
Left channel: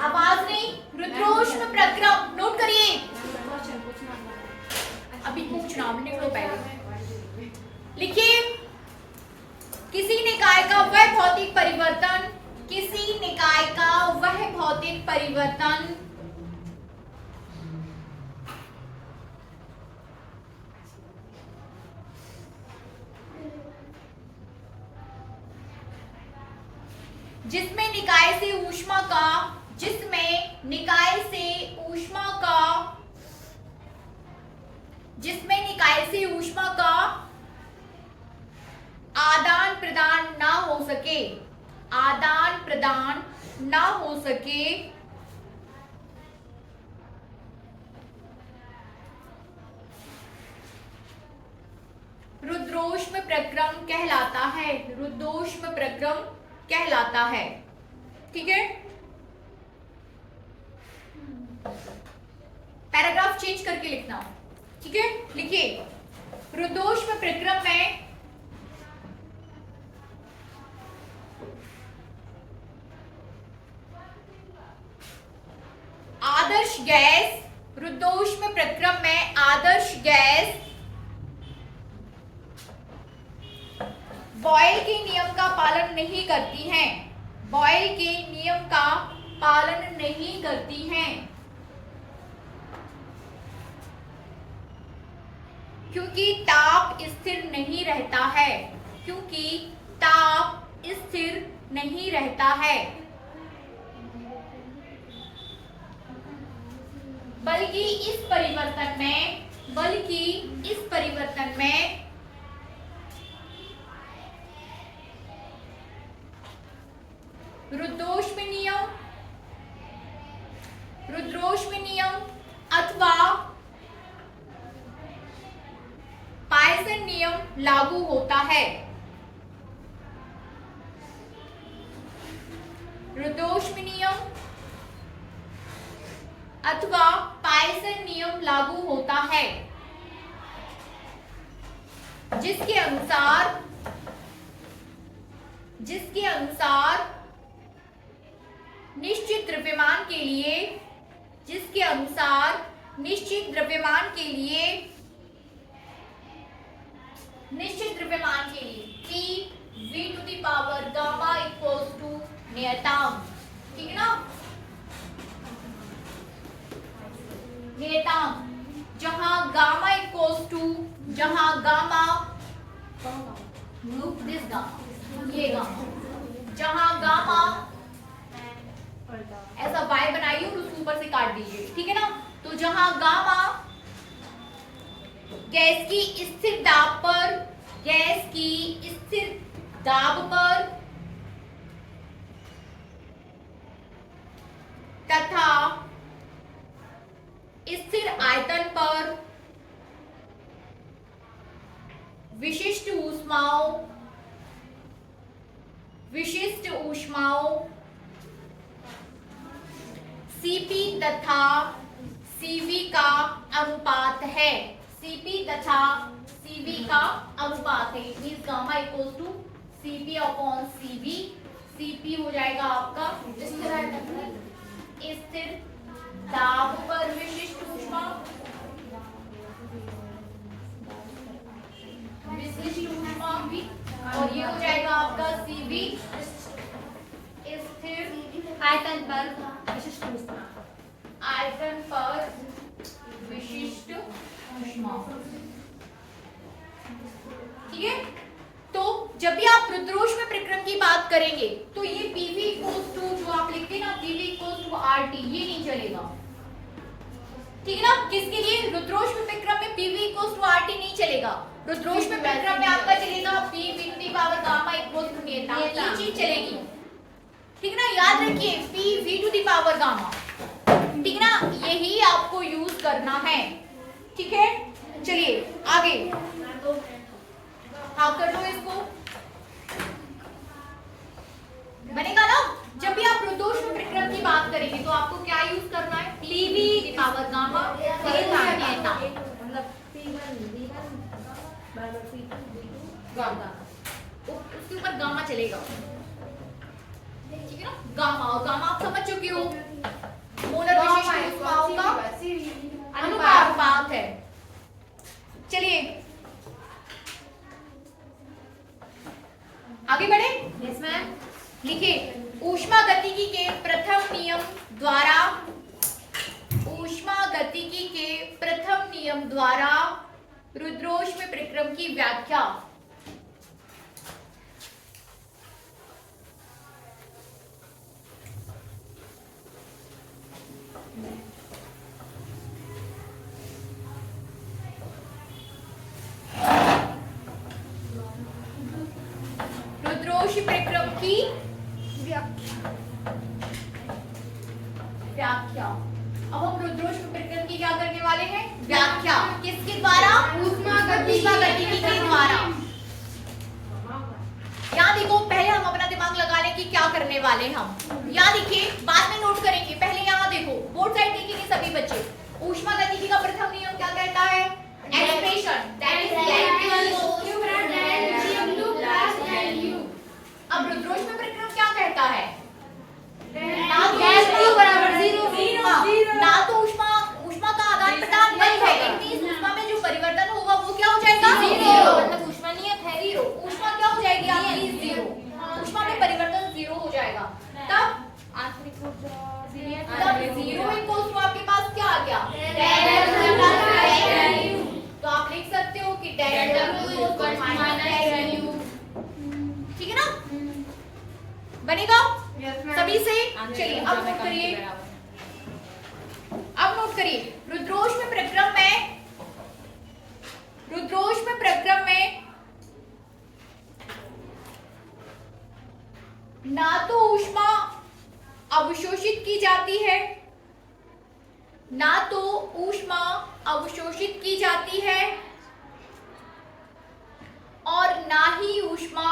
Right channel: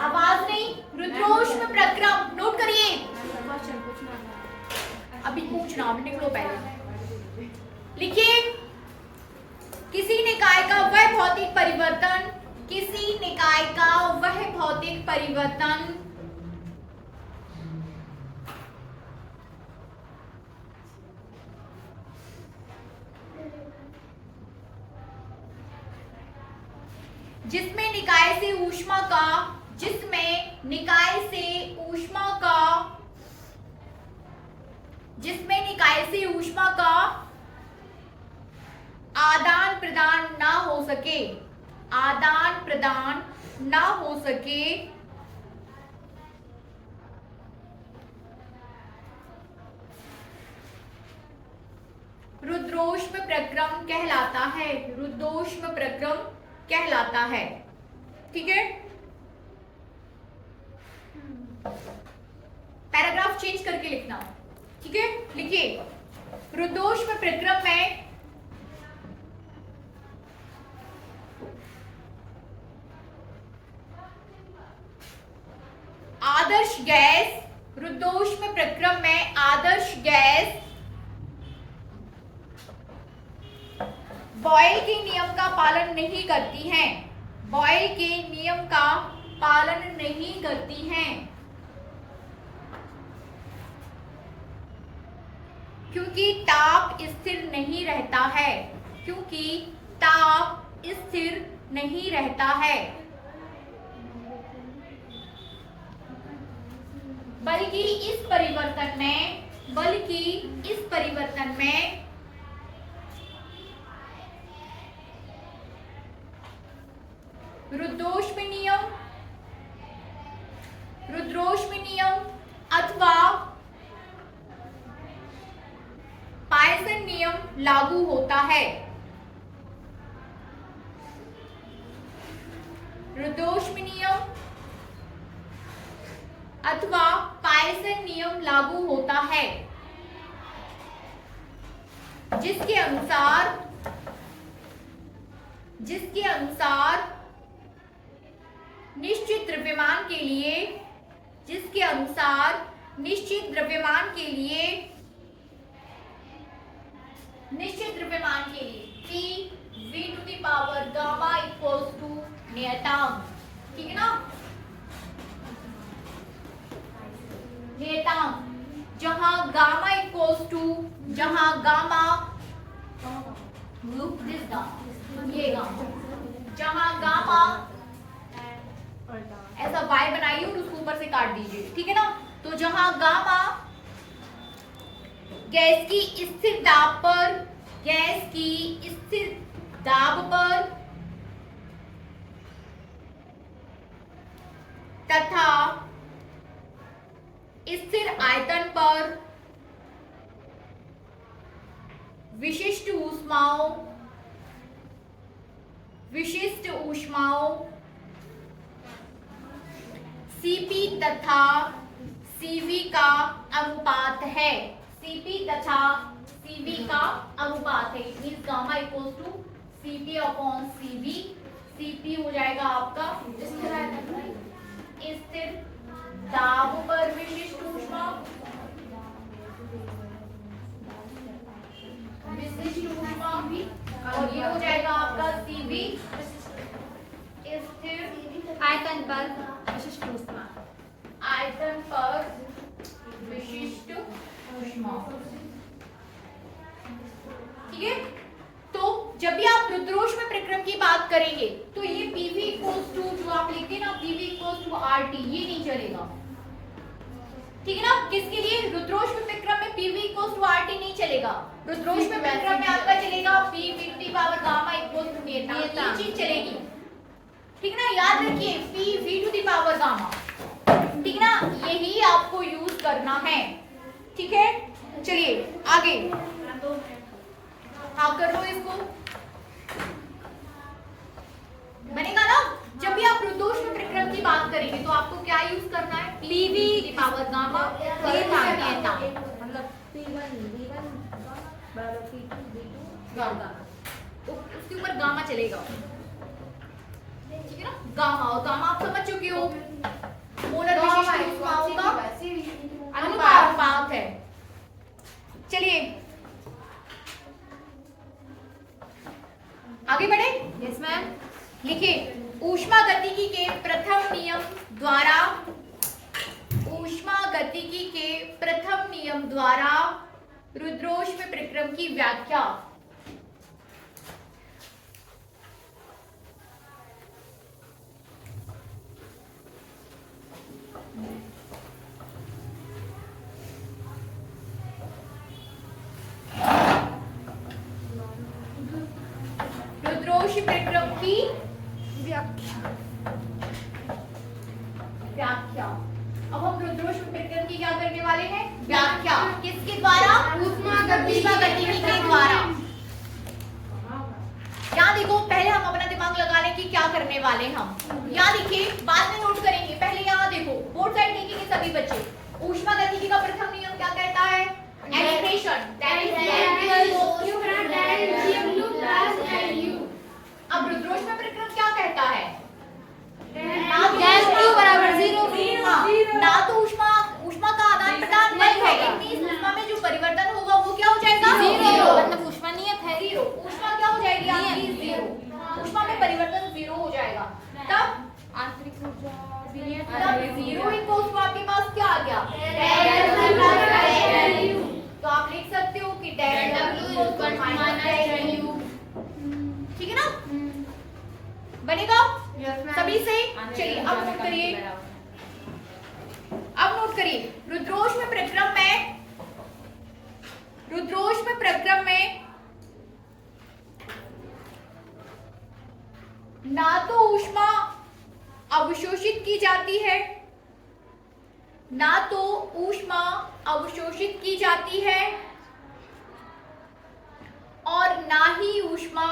आवाज नहीं, रुद्रोष्म प्रक्रम नोट करिए। अभी पूछना, अभी निकलो पहले, लिखिए, किसी निकाय का वह भौतिक परिवर्तन, किसी निकाय का वह भौतिक परिवर्तन जिसमें निकाय से ऊष्मा का, जिसमें निकाय से ऊष्मा का, जिसमें निकाय से ऊष्मा का आदान प्रदान ना हो सके, आदान प्रदान ना हो सके, रुद्रोष्म प्रक्रम कहलाता है, रुद्रोष्म प्रक्रम कहलाता है, ठीक है। पैराग्राफ चेंज करके लिखना, ठीक है। लिखिए, रुद्रोष्म प्रक्रम में आदर्श गैस, रुद्रोष्म प्रक्रम में आदर्श गैस बॉयल के नियम का पालन नहीं करती हैं, बॉयल के नियम का पालन नहीं करती हैं, क्योंकि ताप स्थिर नहीं रहता है, क्योंकि ताप स्थिर नहीं रहता है, बल्कि इस परिवर्तन में रुद्रोष्म नियम अथवा पायसन नियम लागू होता है। रुद्रोष्म नियम अथवा पायसन नियम लागू होता है, जिसके अनुसार निश्चित द्रव्यमान के लिए P v to the power gamma equals to नियतांक, ठीक है ना, नियतांक, जहां गामा इक्वल्स टू, जहां गामा दिस गामा, ये गामा, जहां गामा ऐसा y बनाइए और उसको ऊपर से काट दीजिए, ठीक है ना। तो जहां गामा गैस की स्थिर दाब पर तथा स्थिर आयतन पर विशिष्ट ऊष्माओं Cp तथा Cv का अनुपात है, Cp तथा Cv का अनुपात है। It means gamma equals to Cp upon Cv। Cp हो जाएगा आपका स्थिर दाब पर विशिष्ट ऊष्मा, और ये हो जाएगा आपका Cv स्थिर आयतन पर विशिष्ट ऊष्मा, ठीक है। तो जब भी आप रुद्रोष्म प्रक्रम की बात करेंगे तो ये PV इक्वल्स टू, जो आप लिखते हैं ना PV इक्वल्स टू RT, ये नहीं चलेगा, ठीक है ना। किसके लिए? रुद्रोष्म प्रक्रम में PV इक्वल्स टू RT नहीं चलेगा। रुद्रोष्म प्रक्रम में आपका चलेगा P v to the power gamma equals to नियतांक, ये चीज चलेगी, ठीक ना। याद रखिए P v to the power gamma, ठीक ना, यही आपको यूज करना है, ठीक है। चलिए आगे, हाँ कर लो इसको, बनेगा ना। जब भी आप रुद्रोष्म प्रक्रम की बात करेंगे तो आपको क्या यूज करना है? PV की पावर गामा, उसके ऊपर गामा चलेगा, ठीक है ना। गामा, और गामा आप समझ चुके हो, मोलर विशिष्ट ऊष्माओं का अनुपात है। चलिए आगे बढ़े। Yes ma'am. लिखिए, ऊष्मागतिकी के प्रथम नियम द्वारा रुद्रोष्म प्रक्रम की व्याख्या। रुद्रोष्म प्रक्रम की व्याख्या। अब हम रुद्रोष्म प्रक्रम की क्या करने वाले हैं? व्याख्या। किसके द्वारा? ऊष्मागतिकी के द्वारा। यहाँ देखो, पहले हम अपना दिमाग लगा लें कि क्या करने वाले हम। यहाँ देखिए, बाद में नोट करेंगे, पहले यहाँ देखो, बोर्ड साइड देखेंगे सभी बच्चे। ऊष्मागतिकी का प्रथम नियम क्या कहता है? एक्सप्रेशन दैट इज अब रुद्रोष्म प्रक्रम क्या कहता है? ना तो ऊष्मा का आदान प्रदान बंद है, इट मींस ऊष्मा में जो परिवर्तन होगा वो क्या हो जाएगा? जीरो। मतलब ऊष्मा नहीं है, जीरो। ऊष्मा क्या हो जाएगी आपकी? जीरो। ऊष्मा में परिवर्तन जीरो हो जाएगा। तब आंतरिक ऊर्जा बनेगा Yes, ma'am. सभी से? चलिए अब नोट करिए, अब नोट करिए। रुद्रोष्म प्रक्रम में ना तो ऊष्मा अवशोषित की जाती है, ना तो ऊष्मा अवशोषित की जाती है और ना ही ऊष्मा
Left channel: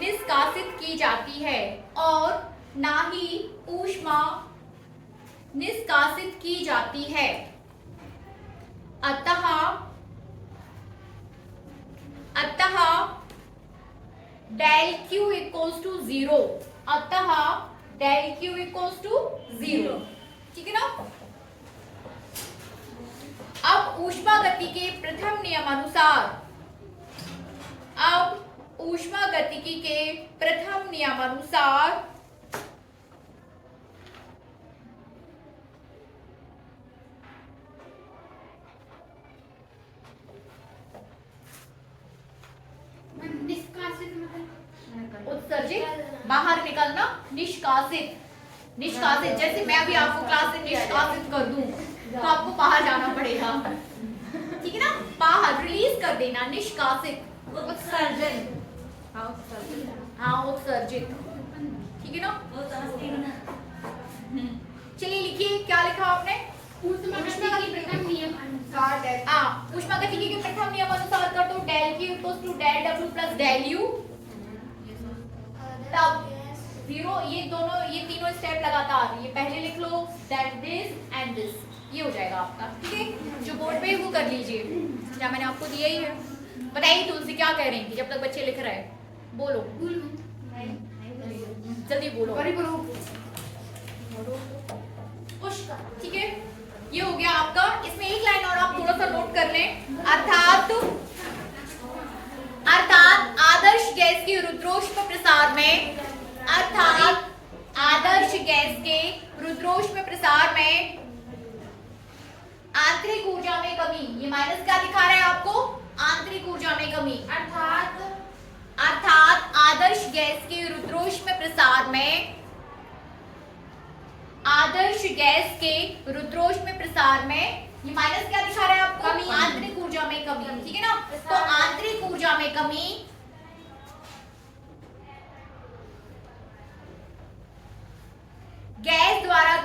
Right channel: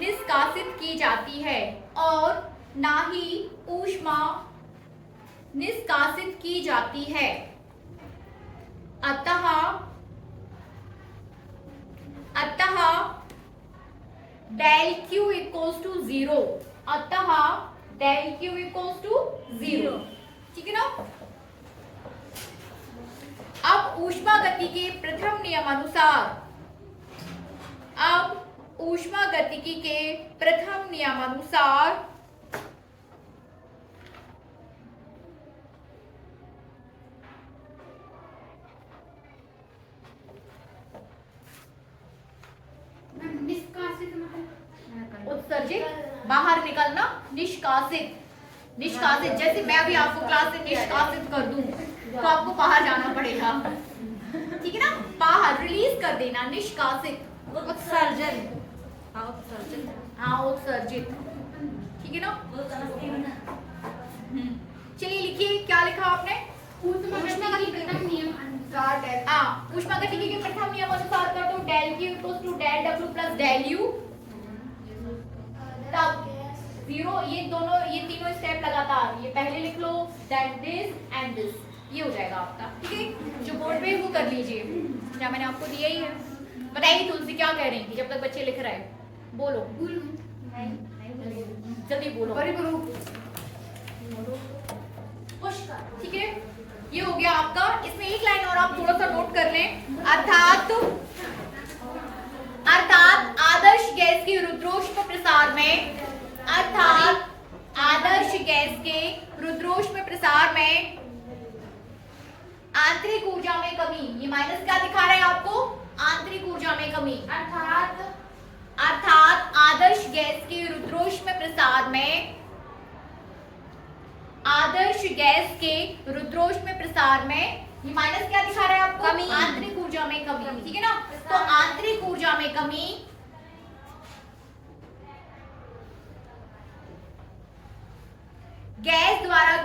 निष्कासित की जाती है, और ना ही ऊष्मा निष्कासित की जाती है। अतः डेल Q इक्वल्स टू 0, अतः डेल Q इक्वल्स टू 0, ठीक है ना। अब ऊष्मा गति के प्रथम नियमानुसार निष्कासित मतलब उत्सर्जित बाहर निकलना, निष्कासित जैसे मैं अभी आपको क्लास से निष्कासित कर दूं तो आपको बाहर जाना पड़ेगा, ठीक है ना। बाहर रिलीज कर देना, निष्कासित। उत्सर्जन। हाँ उत्सर्जित, ठीक है ना। चलिए लिखिए, क्या लिखा आपने? ऊष्मागतिकी के प्रथम नियम अनुसार कर दो del Q equals to del W plus del U, तब 0। ये तीनों स्टेप लगातार, ये पहले लिख लो, दैट दिस एंड दिस, ये हो जाएगा आपका, ठीक है। जो बोर्ड पे है वो कर लीजिए, क्या मैंने आपको दिया ही है। बताइए तुलसी क्या कह रही थी जब तक बच्चे लिख रहे हैं? बोलो जल्दी बोलो। ठीक है, ये हो गया आपका। इसमें एक लाइन और आप थोड़ा सा नोट कर लें, अर्थात आदर्श गैस के रुद्रोष्म प्रसार में, आंतरिक ऊर्जा में कमी, ये माइनस क्या दिखा रहा है आपको? आंतरिक ऊर्जा में कमी, अर्थात आदर्श गैस के रुद्रोष्म प्रसार में, ये माइनस क्या दिखा रहा है आपको? आंतरिक ऊर्जा में कमी, ठीक है ना। तो आंतरिक ऊर्जा में कमी गैस द्वारा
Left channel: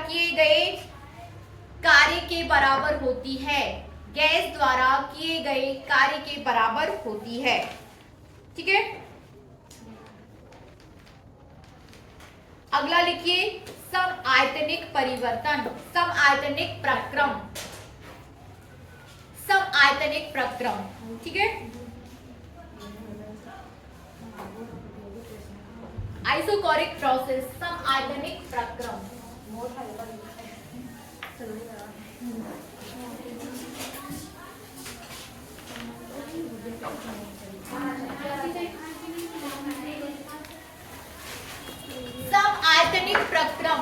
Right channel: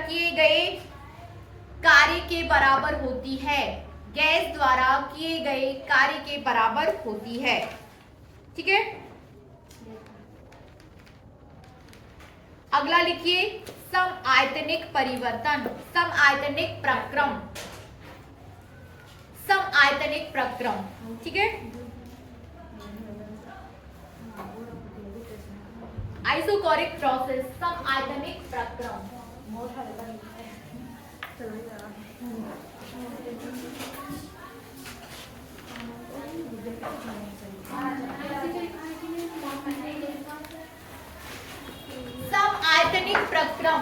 किए गए कार्य के बराबर होती है, गैस द्वारा किए गए कार्य के बराबर होती है, ठीक है। अगला लिखिए, समआयतनिक परिवर्तन, समआयतनिक प्रक्रम, ठीक है। आइसोकोरिक प्रोसेस, समआयतनिक प्रक्रम। समआयतनिक प्रक्रम,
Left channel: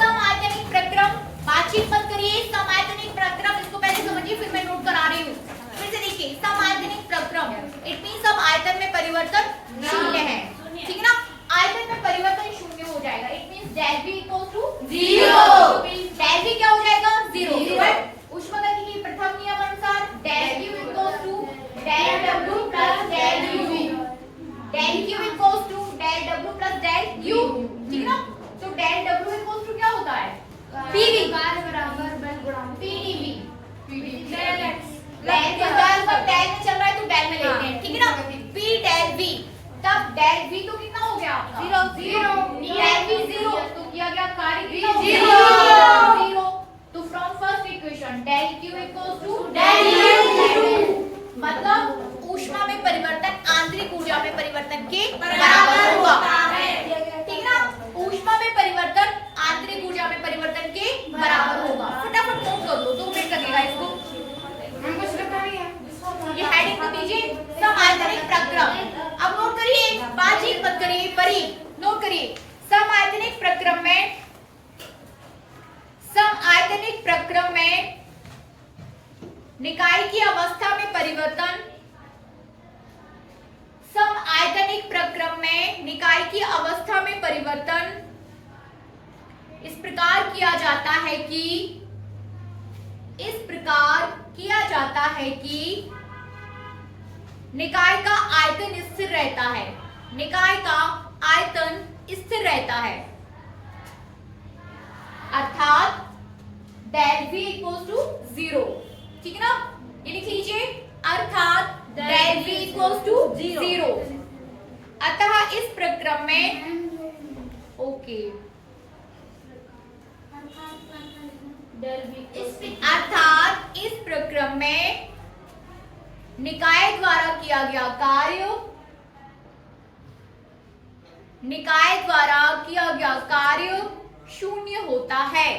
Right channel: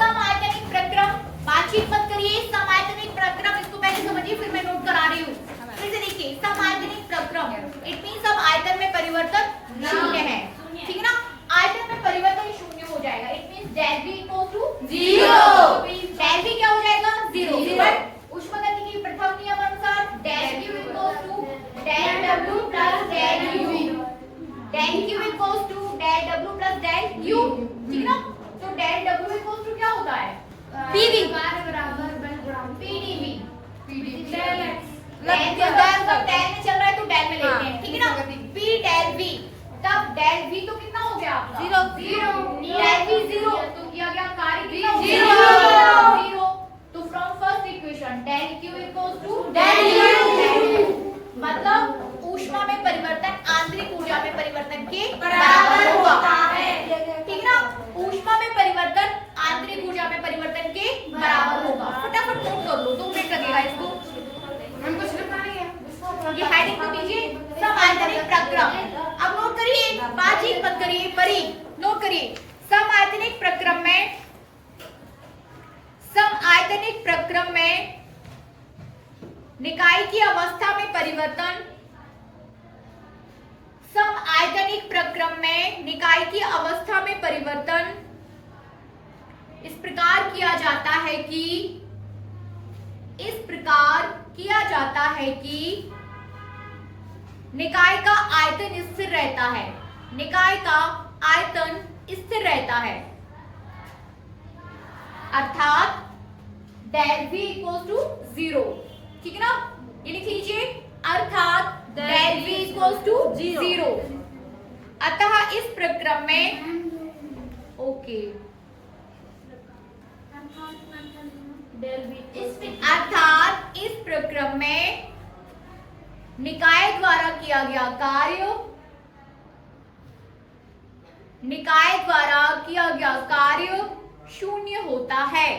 समआयतनिक प्रक्रम, बातचीत मत करिए। समआयतनिक प्रक्रम, इसको पहले समझिए फिर मैं नोट करा रही हूँ। फिर से देखिए, समआयतनिक प्रक्रम इट मीन सब आयतन में परिवर्तन शून्य है, ठीक है ना। आयतन में परिवर्तन शून्य हो जाएगा, it mean del V equals to 0। Del V क्या हो जाएगा? 0। बट ऊष्मागतिकी के प्रथम नियम अनुसार del Q equals to del W plus del U, del Q equals to del W plus del U, ठीक है ना। तो डेल W इक्वल्स टू क्या होता है? PV PdV, डेल में चल रहा है तो डेल में लेते हैं, ठीक है ना। P डेल V, तब डेल V तो कितना हो गया आपका? 0। डेल V 0 तो किया गया कार्य कितना हो गया? 0। तो from first equation del Q equals to del U, मतलब ऊष्मा में परिवर्तन आंतरिक ऊर्जा में परिवर्तन के बराबर होता है, ठीक है ना। ऊष्मा में परिवर्तन आंतरिक ऊर्जा में परिवर्तन के बराबर होगा। फटाफट नोट कर लो, 2 मिनट लगेगा इसको। ये हेडिंग तो दीजिए, समआयतनिक प्रक्रम। अब नोट करिए करिए, बातचीत मत करिए, परी नोट करिए। समआयतनिक प्रक्रम में निकाय की अवस्था में परिवर्तन, समआयतनिक प्रक्रम में निकाय की अवस्था में परिवर्तन इस प्रकार किया जाता है कि निकाय का आयतन स्थिर रहता है, निकाय का आयतन स्थिर रहता है, अर्थात del v इक्वल्स टू 0। ठीक है ना, ये लिख लीजिए, अर्थात del v इक्वल्स टू 0। अतः इस प्रक्रम में ओके, अर्थात इस प्रक्रम में निकाय द्वारा किया गया कार्य शून्य होता है।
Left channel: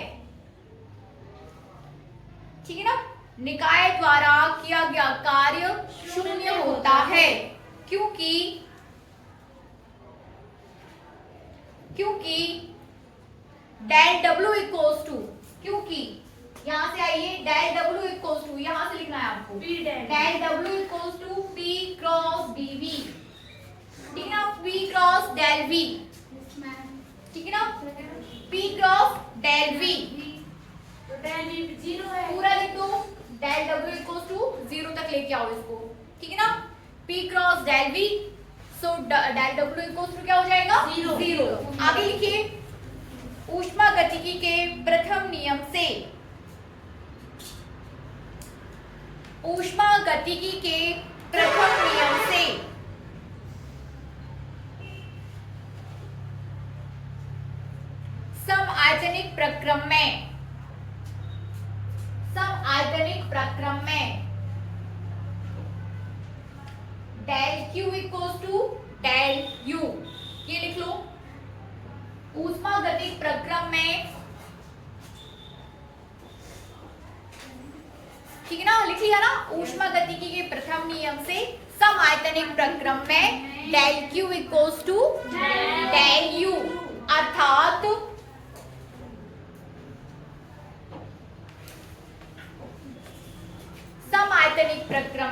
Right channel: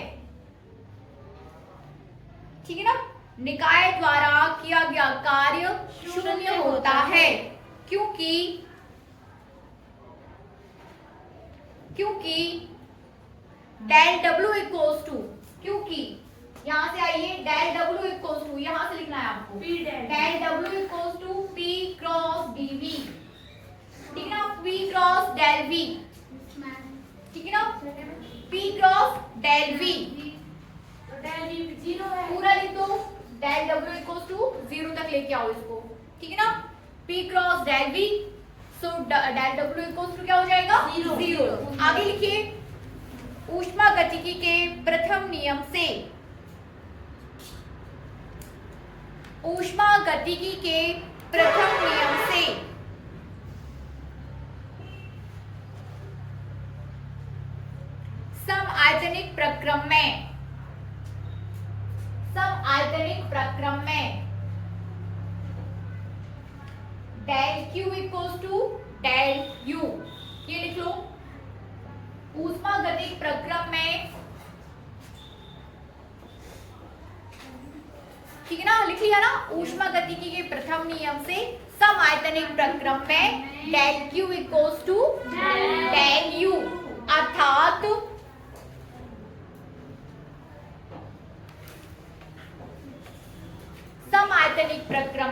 ठीक है ना, निकाय द्वारा किया गया कार्य शून्य होता है, क्योंकि डेल डब्ल्यू इक्वल्स टू, क्योंकि यहां से आइए, डेल डब्ल्यू इक्वल्स टू, यहां से लिखना है आपको, del W equals to P cross d V. ठीक है ना, पी क्रॉस डेल वी। ठीक है ना, पी क्रॉस डेल वी, तो डेल वी 0 है, पूरा लिख दो, डेल डब्ल्यू इक्वल्स टू 0 तक लेके आओ इसको। ठीक है ना, P cross del V, so del W equals to क्या हो जाएगा, 0। आगे लिखिए, ऊष्मागतिकी के प्रथम नियम से, ऊष्मागतिकी के प्रथम नियम से समआयतनिक प्रक्रम में del Q equals to del U, ये लिख लो। ऊष्मागतिक प्रक्रम में, ठीक है ना, लिख लिया ना, ऊष्मागतिकी के प्रथम नियम से समआयतनिक प्रक्रम में del Q equals to del U, अर्थात समआयतनिक प्रक्रम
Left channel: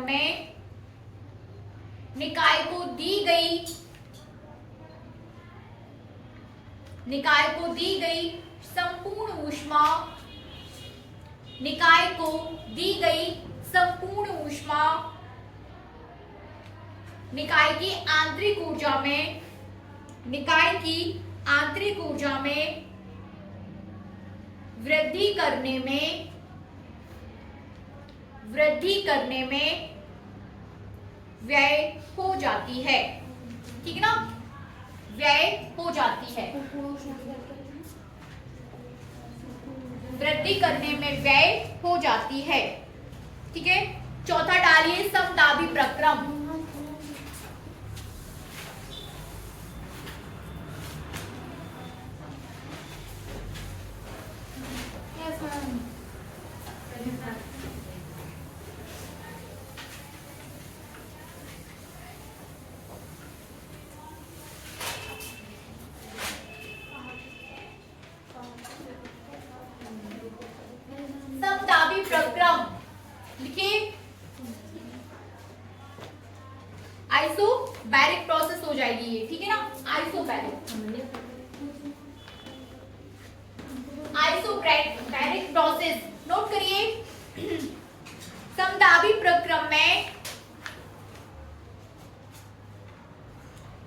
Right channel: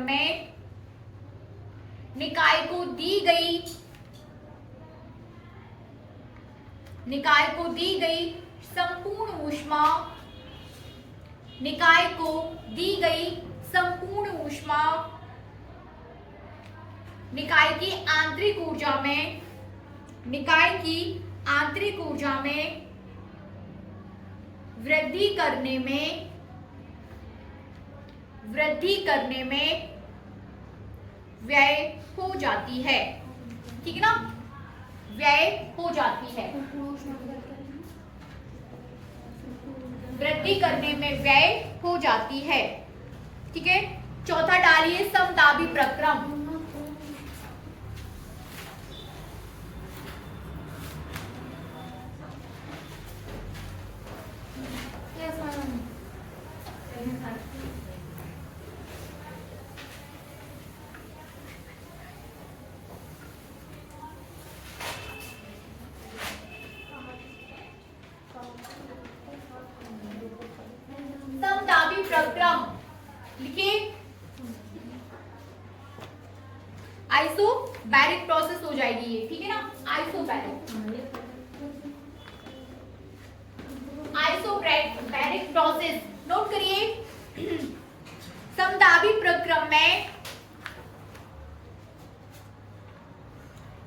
में निकाय को दी गई संपूर्ण ऊष्मा निकाय की आंतरिक ऊर्जा में वृद्धि करने में व्यय हो जाती है। ठीक है ना, व्यय हो जाती है, वृद्धि करने में व्यय हो जाती है। ठीक है, चौथा डालिए, समदाबी प्रक्रम। समदाबी प्रक्रम लिखिए, आइसोबैरिक प्रोसेस हो जाएगी ये। ठीक है ना, आइसोबैरिक प्रोसेस नोट करिए। समदाबी प्रक्रम में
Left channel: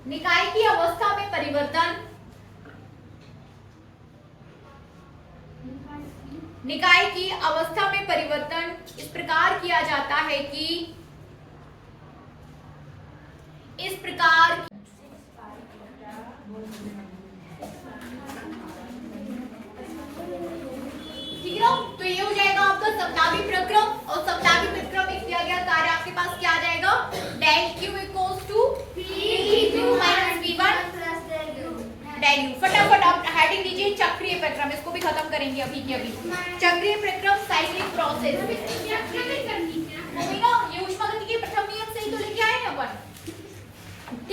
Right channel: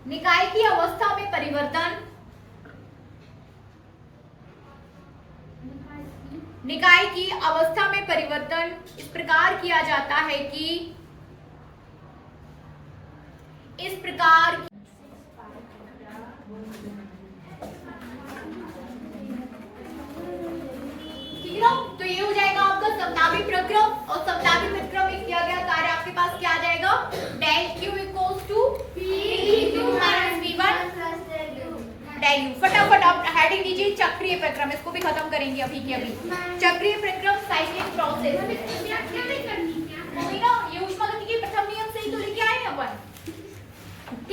निकाय की अवस्था में परिवर्तन, निकाय की अवस्था में परिवर्तन इस प्रकार किया जाता है कि इस प्रकार ठीक है ना, तो ये हो जाएगा आपका समदाबी प्रक्रम। और समदाबी प्रक्रम में किया गया कार्य आपके पास क्या आ जाएगा, del Q equals to P2 minus V1 del U. फटाफट आप हेडिंग दीजिए, चक्रीय प्रक्रम, इसको भी खत्म करेंगे अभी के अभी। चक्रीय प्रक्रम साइक्लिक प्रोसेस, ये ऊष्मागतिकी के प्रथम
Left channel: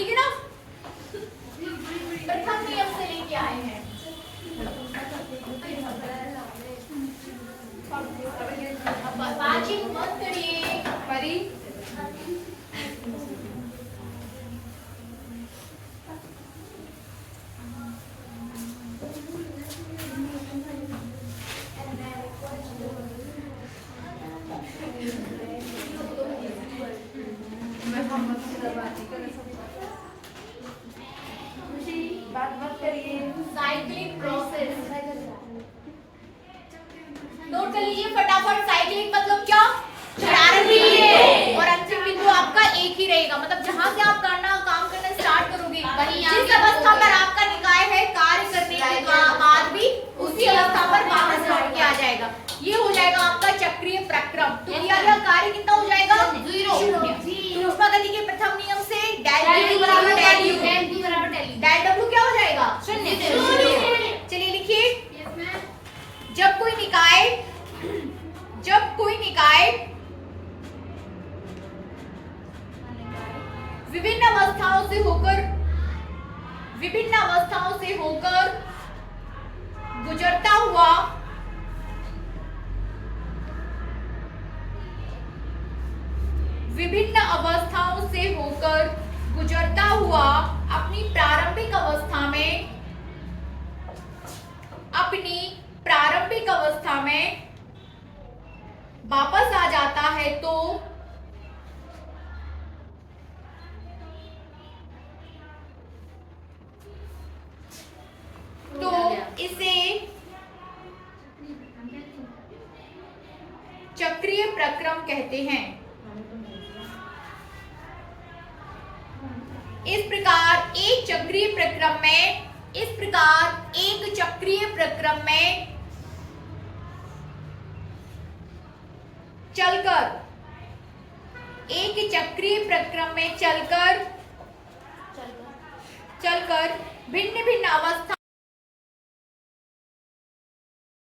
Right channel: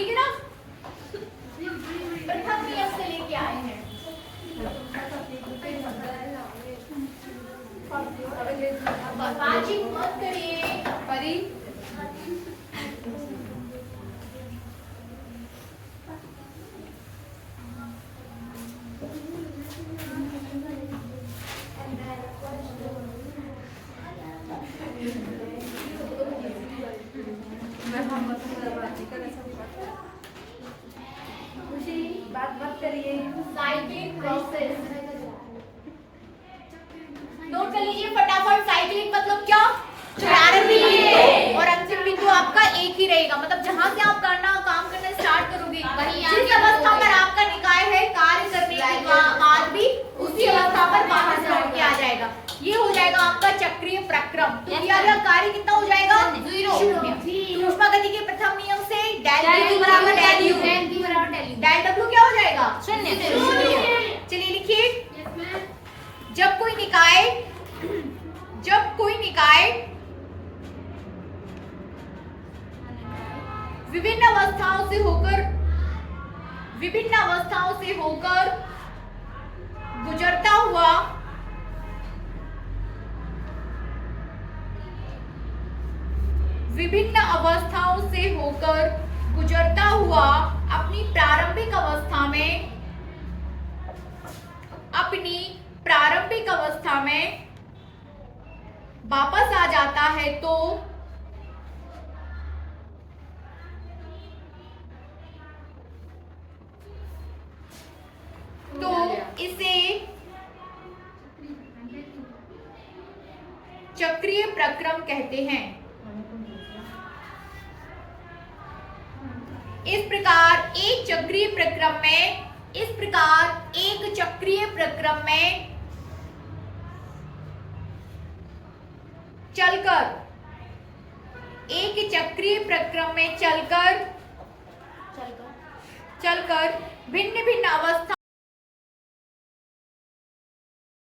ठीक है ना? प्रथम नियम से लेके आए हैं। बातचीत मत करिए। परी बात मत करिए। साइक्लिक प्रोसेस नोट कर लीजिए फटाफट। साइक्लिक मतलब क्या? प्रारंभिक बिंदु और अंतिम बिंदु आपका एक ही रहेगा। मतलब जहां से आप काम करना स्टार्ट करोगे, जिस अवस्था पर आपका निकाय है, कार्य करने के बाद भी उसी अवस्था पर वापस लौट के आ जाएगा। ये हो जाएगा आपका चक्रीय प्रक्रम। तो किया गया कार्य कितना हो जाएगा? शून्य। तो ऊष्मा गति के प्रथम नियम से डेल W बराबर डेल U, डेल W क्या हो जाएगा? शून्य। चलिए लिखिए, जब कोई निकाय विभिन्न अवस्थाओं से होकर गुजरता हुआ अपनी प्रारंभिक अवस्था में वापस आ जाता है तो इसे चक्रीय प्रक्रम कहते हैं। इस प्रकार एक चक्रीय प्रक्रम में चलकर भिन्न भिन्न अवस्था